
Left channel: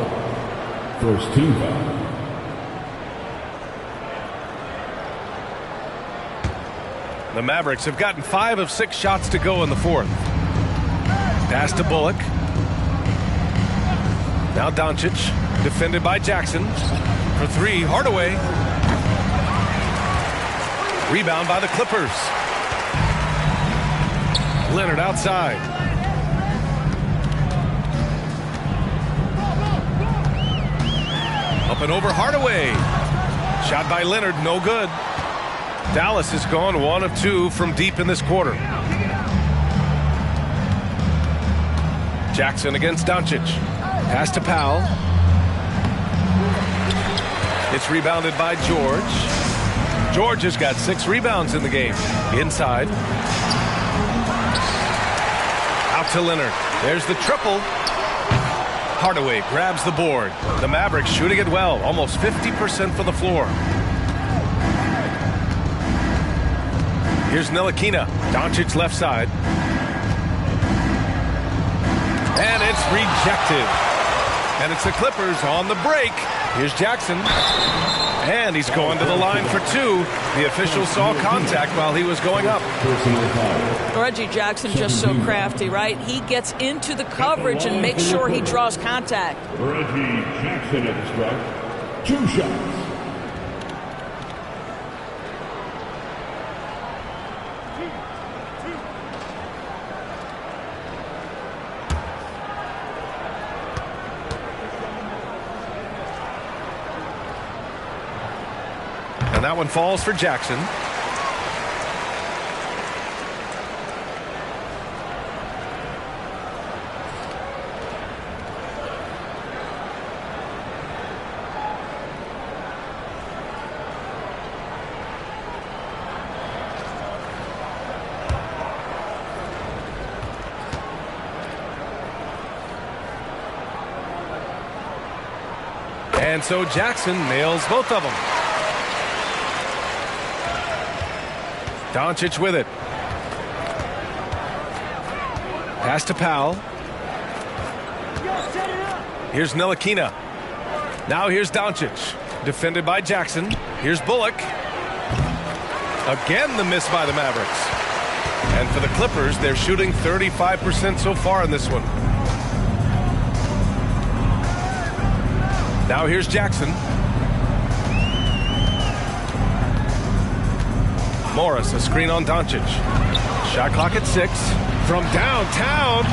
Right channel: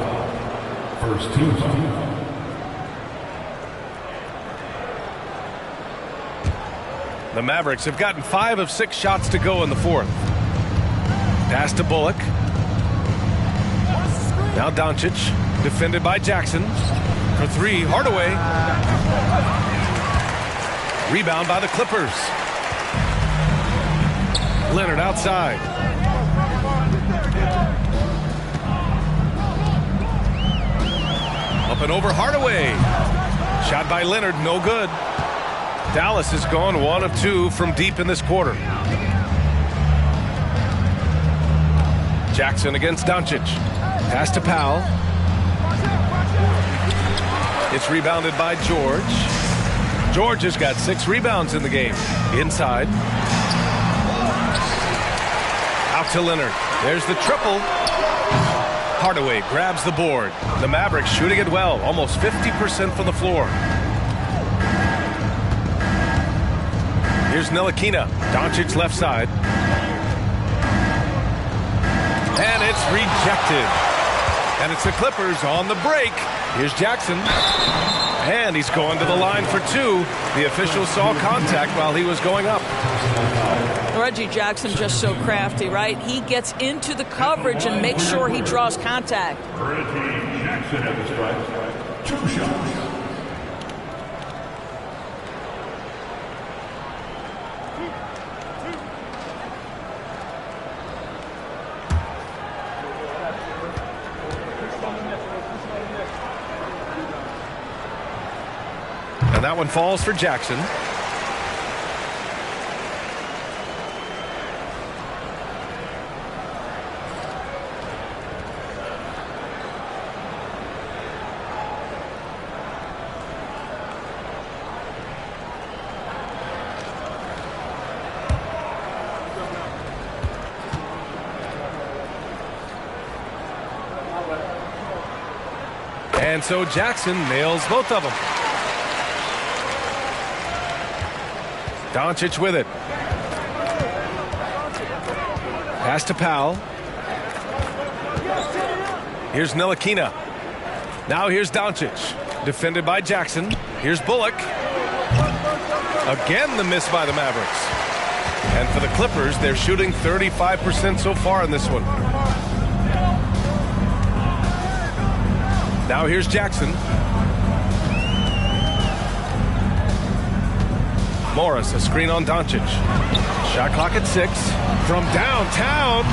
First 2 fouls. The Mavericks have gotten 5 of 6 shots to go in the fourth. Pass to Bullock. Now Doncic, defended by Jackson. For 3, Hardaway. Rebound by the Clippers. Leonard outside. Up and over Hardaway. Shot by Leonard, no good. Dallas has gone 1 of 2 from deep in this quarter. Jackson against Doncic. Pass to Powell. It's rebounded by George. George has got 6 rebounds in the game. Inside. Out to Leonard. There's the triple. Hardaway grabs the board. The Mavericks shooting it well. Almost 50% from the floor. Here's Ntilikina. Doncic left side. And it's rejected. And it's the Clippers on the break. Here's Jackson. And he's going to the line for 2. The official saw contact while he was going up. Reggie Jackson just so crafty, right? He gets into the coverage and makes sure he draws contact. Reggie Jackson at the strike. 2 shots. And that one falls for Jackson. And so Jackson nails both of them. Doncic with it. Pass to Powell. Here's Ntilikina. Now here's Doncic. Defended by Jackson. Here's Bullock. Again, the miss by the Mavericks. And for the Clippers, they're shooting 35% so far in this one. Now here's Jackson. Morris, a screen on Doncic. Shot clock at 6. From downtown.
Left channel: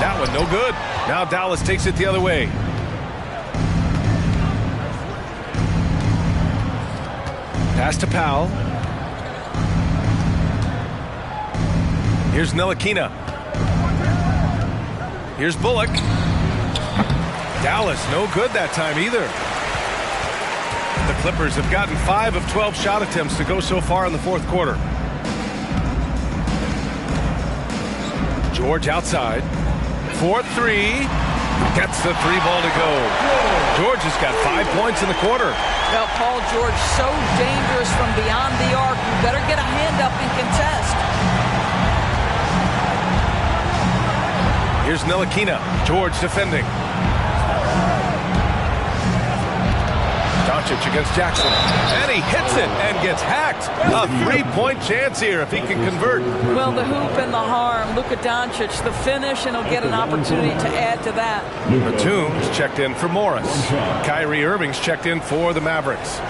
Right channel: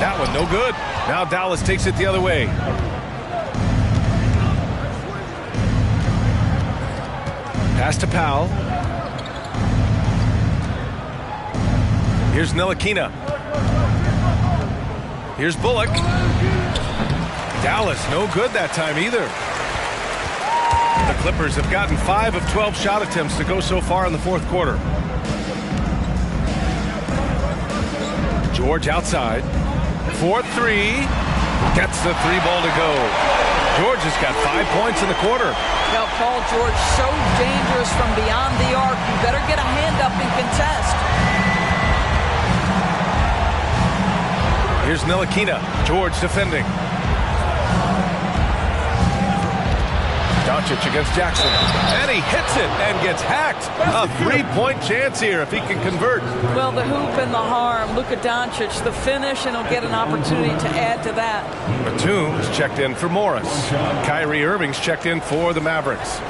That one no good. Now Dallas takes it the other way. Pass to Powell. Here's Ntilikina. Here's Bullock. Dallas no good that time either. The Clippers have gotten 5 of 12 shot attempts to go so far in the fourth quarter. George outside. 4-3. Gets the 3 ball to go. George has got 5 points in the quarter. Well, Paul George, so dangerous from beyond the arc. You better get a hand up and contest. Here's Ntilikina. George defending. Doncic against Jackson. And he hits it and gets hacked. A 3-point chance here if he can convert. Well, the hoop and the harm. Luka Doncic, the finish, and he'll get an opportunity to add to that. Batum is checked in for Morris. Kyrie Irving's checked in for the Mavericks.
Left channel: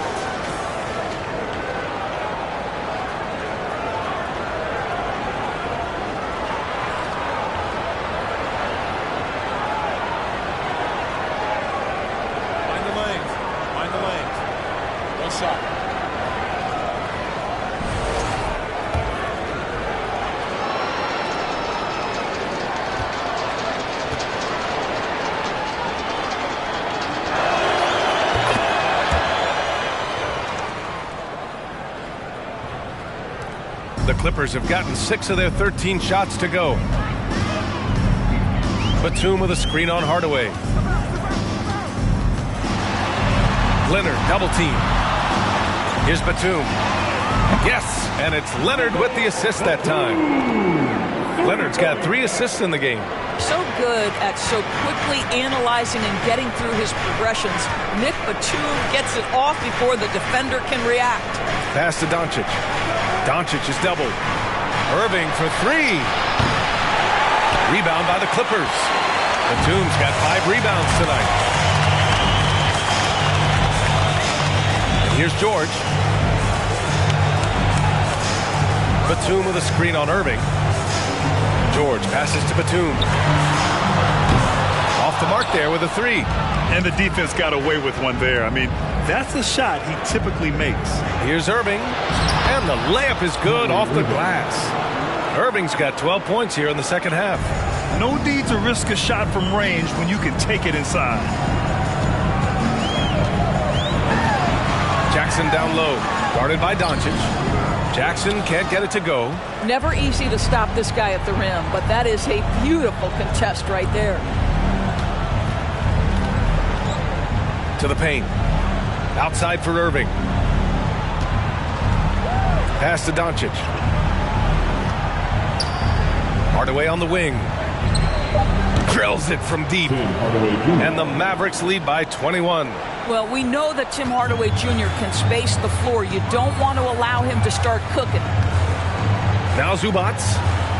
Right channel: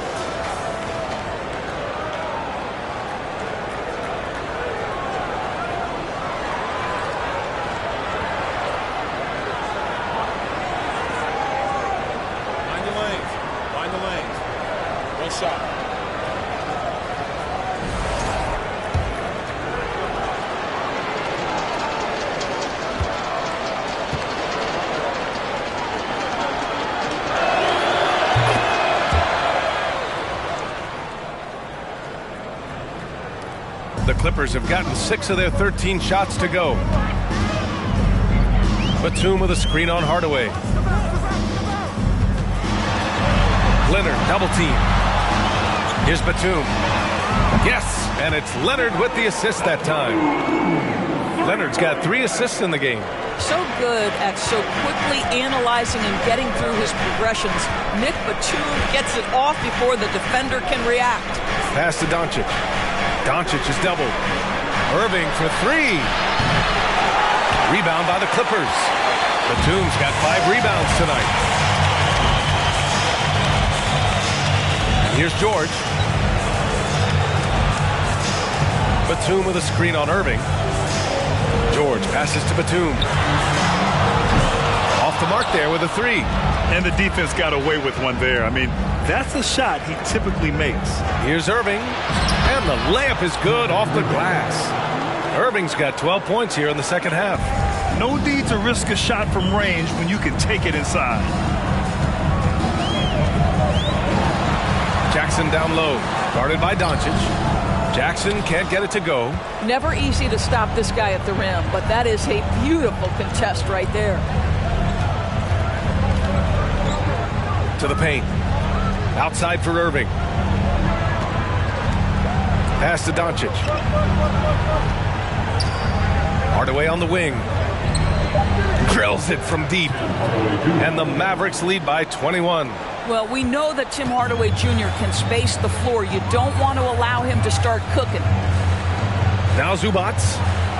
Mind the lanes. Mind the lanes. One shot. The Clippers have gotten 6 of their 13 shots to go. Batum with a screen on Hardaway. Leonard double team. Here's Batum. Yes, and it's Leonard with the assist that time. Leonard's got 3 assists in the game. So good at so quickly analyzing and getting through his progressions. Nick Batum gets it off before the defender can react. Pass to Doncic. Doncic is doubled. Irving for 3. Rebound by the Clippers. Batum's got 5 rebounds tonight. And here's George. Batum with a screen on Irving. George passes to Batum. Off the mark there with a 3. And the defense got away with one there. I mean, that's a shot he typically makes. Here's Irving. And the layup is good off the glass. Irving's got 12 points here in the second half. No need to risk a shot from range when you can take it inside. Jackson down low. Guarded by Doncic. Jackson can't get it to go. Never easy to stop this guy at the rim, but that is a beautiful contest right there. To the paint. Outside for Irving. Pass to Doncic. Hardaway on the wing. Drills it from deep. And the Mavericks lead by 21. Well, we know that Tim Hardaway Jr. can space the floor. You don't want to allow him to start cooking. Now Zubac.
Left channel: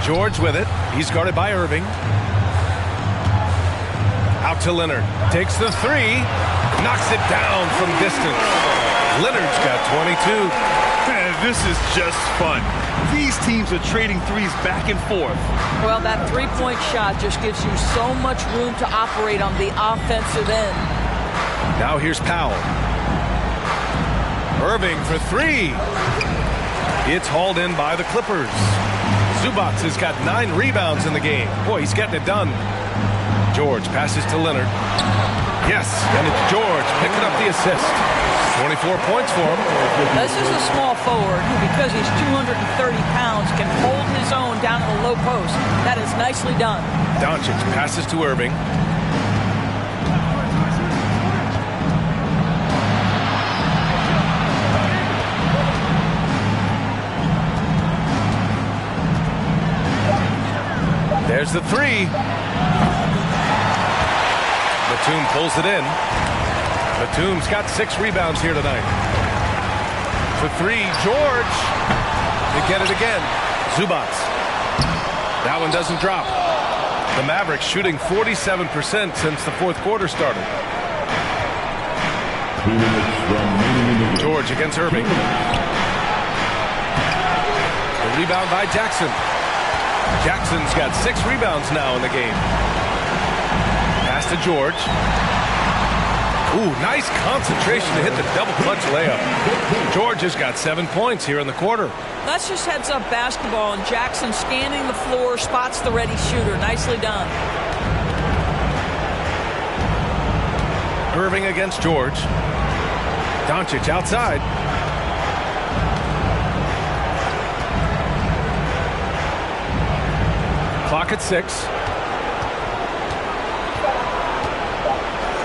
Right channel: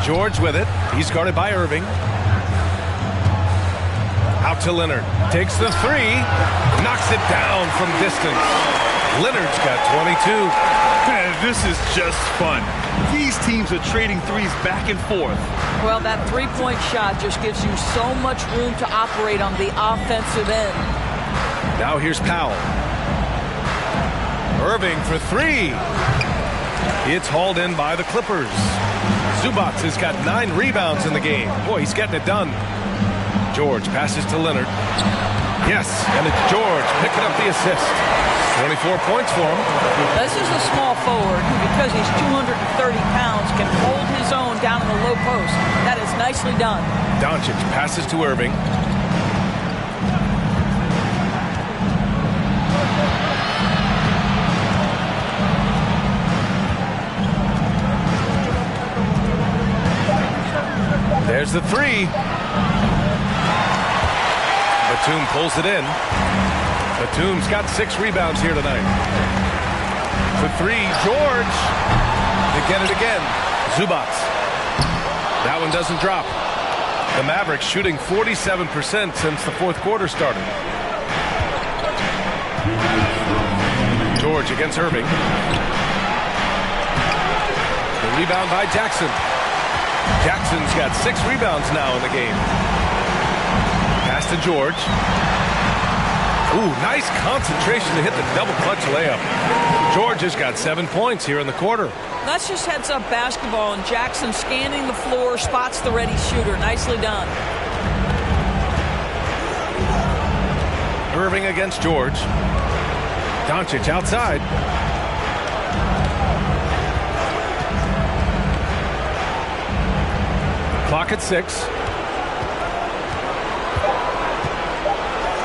George with it. He's guarded by Irving. Out to Leonard. Takes the 3. Knocks it down from distance. Leonard's got 22. Man, this is just fun. These teams are trading threes back and forth. Well, that three-point shot just gives you so much room to operate on the offensive end. Now here's Powell. Irving for 3. It's hauled in by the Clippers. Zubac has got 9 rebounds in the game. Boy, he's getting it done. George passes to Leonard. Yes, and it's George picking up the assist. 24 points for him. This is a small forward who, because he's 230 pounds, can hold his own down in the low post. That is nicely done. Doncic passes to Irving. There's the three. Batum pulls it in. Batum's got 6 rebounds here tonight. For three, George. They get it again. Zubac. That one doesn't drop. The Mavericks shooting 47% since the fourth quarter started. George against Irving. The rebound by Jackson. Jackson's got 6 rebounds now in the game. Pass to George. Ooh, nice concentration to hit the double clutch layup. George has got 7 points here in the quarter. That's just heads-up basketball, and Jackson scanning the floor, spots the ready shooter. Nicely done. Irving against George. Doncic outside. Clock at 6.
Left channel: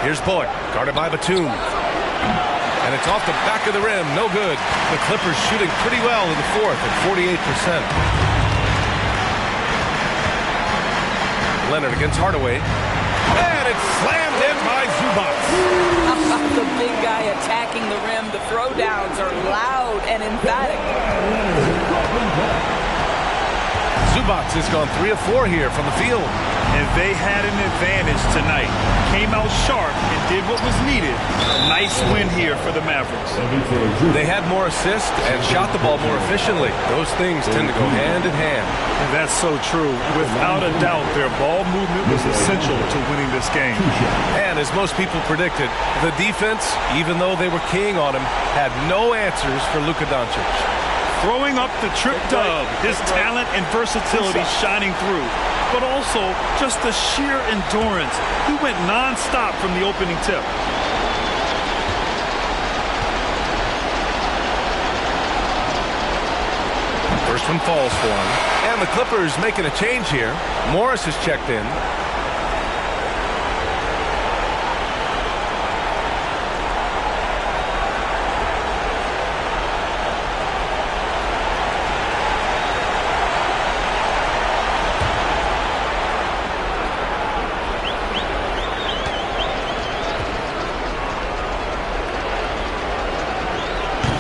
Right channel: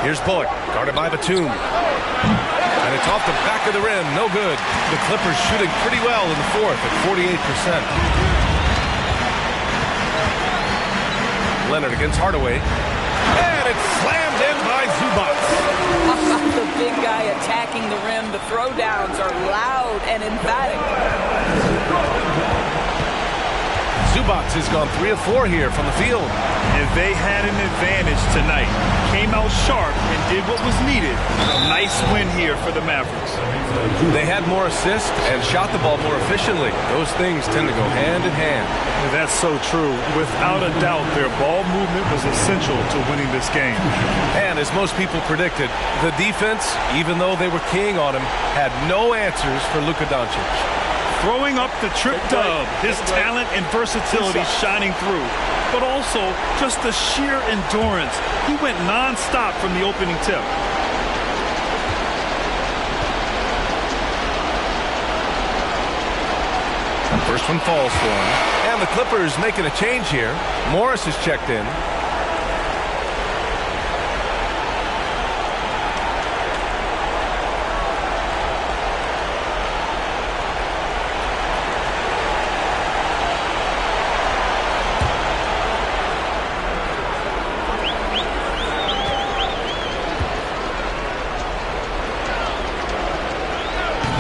Here's Bullock, guarded by Batum. And it's off the back of the rim, no good. The Clippers shooting pretty well in the fourth at 48%. Leonard against Hardaway. And it's slammed in by Zubac. How about the big guy attacking the rim? The throwdowns are loud and emphatic. Zubac has gone 3 of 4 here from the field. And they had an advantage tonight. Came out sharp and did what was needed. A nice win here for the Mavericks. They had more assists and shot the ball more efficiently. Those things tend to go hand in hand. And that's so true. Without a doubt, their ball movement was essential to winning this game. And as most people predicted, the defense, even though they were keying on him, had no answers for Luka Doncic. Throwing up the trip dub, his talent and versatility shining through. But also just the sheer endurance. He went non-stop from the opening tip. First one falls for him. And the Clippers making a change here. Morris has checked in.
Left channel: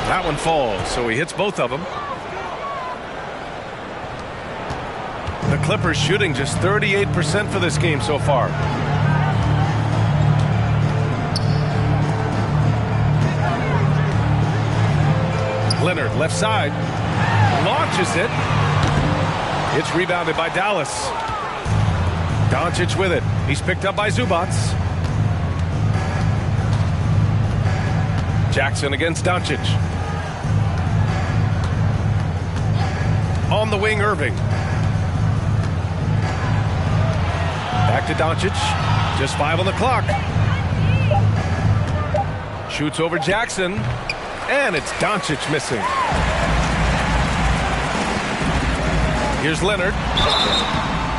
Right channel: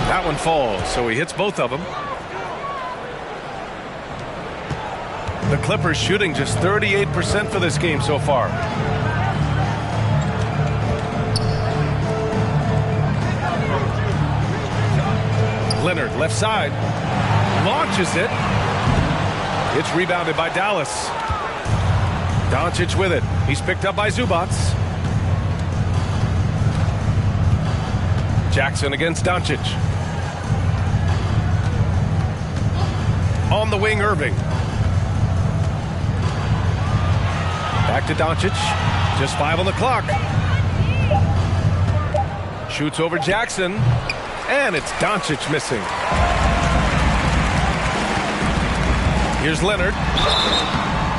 That one falls, so he hits both of them. The Clippers shooting just 38% for this game so far. Leonard, left side, launches it. It's rebounded by Dallas. Doncic with it. He's picked up by Zubac. Jackson against Doncic. On the wing, Irving. Back to Doncic. Just 5 on the clock. Shoots over Jackson. And it's Doncic missing. Here's Leonard.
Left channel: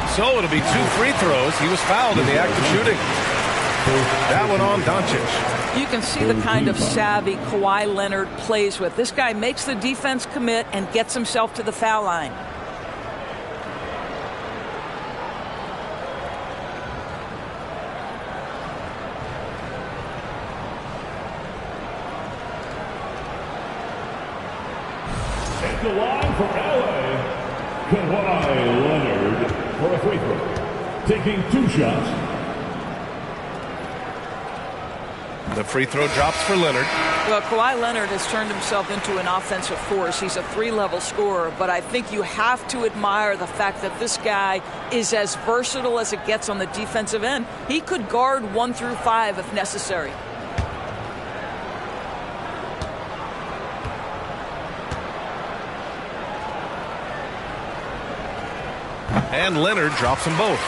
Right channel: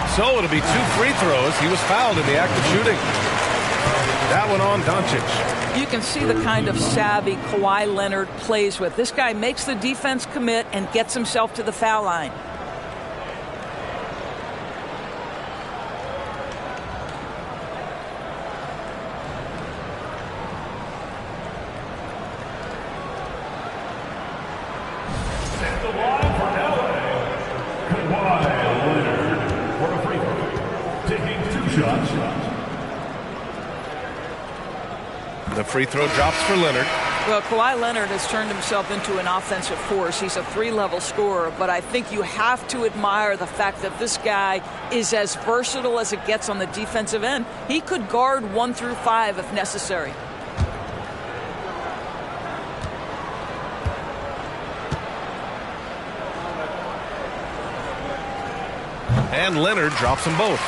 So it'll be 2 free throws. He was fouled in the act of shooting. That one on Doncic. You can see the kind of savvy Kawhi Leonard plays with. This guy makes the defense commit and gets himself to the foul line. At the line for LA, Kawhi Leonard for a free throw. Taking 2 shots. The free throw drops for Leonard. Well, Kawhi Leonard has turned himself into an offensive force. He's a 3-level scorer, but I think you have to admire the fact that this guy is as versatile as it gets on the defensive end. He could guard 1 through 5 if necessary. And Leonard drops them both.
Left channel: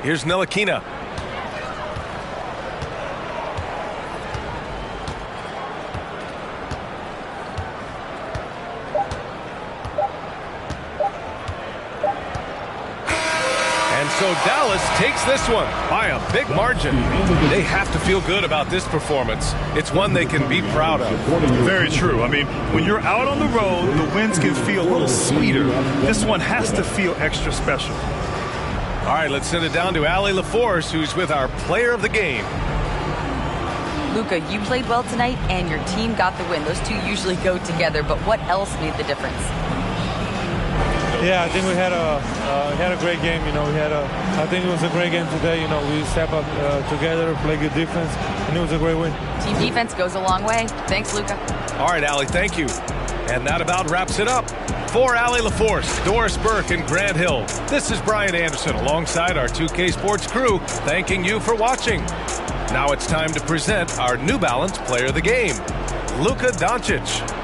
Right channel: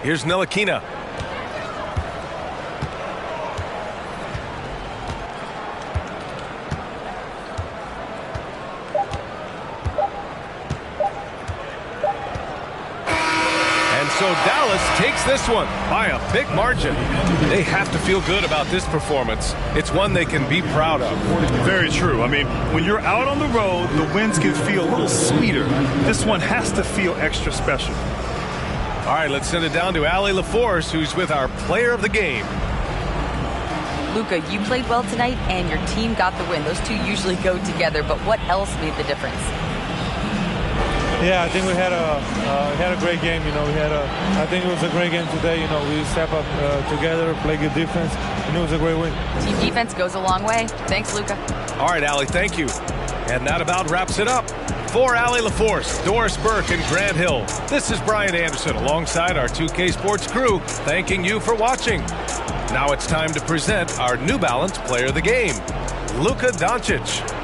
Here's Ntilikina. And So Dallas takes this one by a big margin. They have to feel good about this performance. It's one they can be proud of. Very true. I mean, when you're out on the road, the wins can feel a little sweeter. This one has to feel extra special. All right, let's send it down to Allie LaForce, who's with our player of the game. Luka, you played well tonight, and your team got the win. Those two usually go together, but what else made the difference? Yeah, I think we had a great game. I think it was a great game today. We step up together, play good defense, and it was a great win. Team defense goes a long way. Thanks, Luka. All right, Allie, thank you. And that about wraps it up. For Allie LaForce, Doris Burke, and Grant Hill, this is Brian Anderson alongside our 2K Sports crew, thanking you for watching. Now it's time to present our New Balance Player of the Game, Luka Doncic.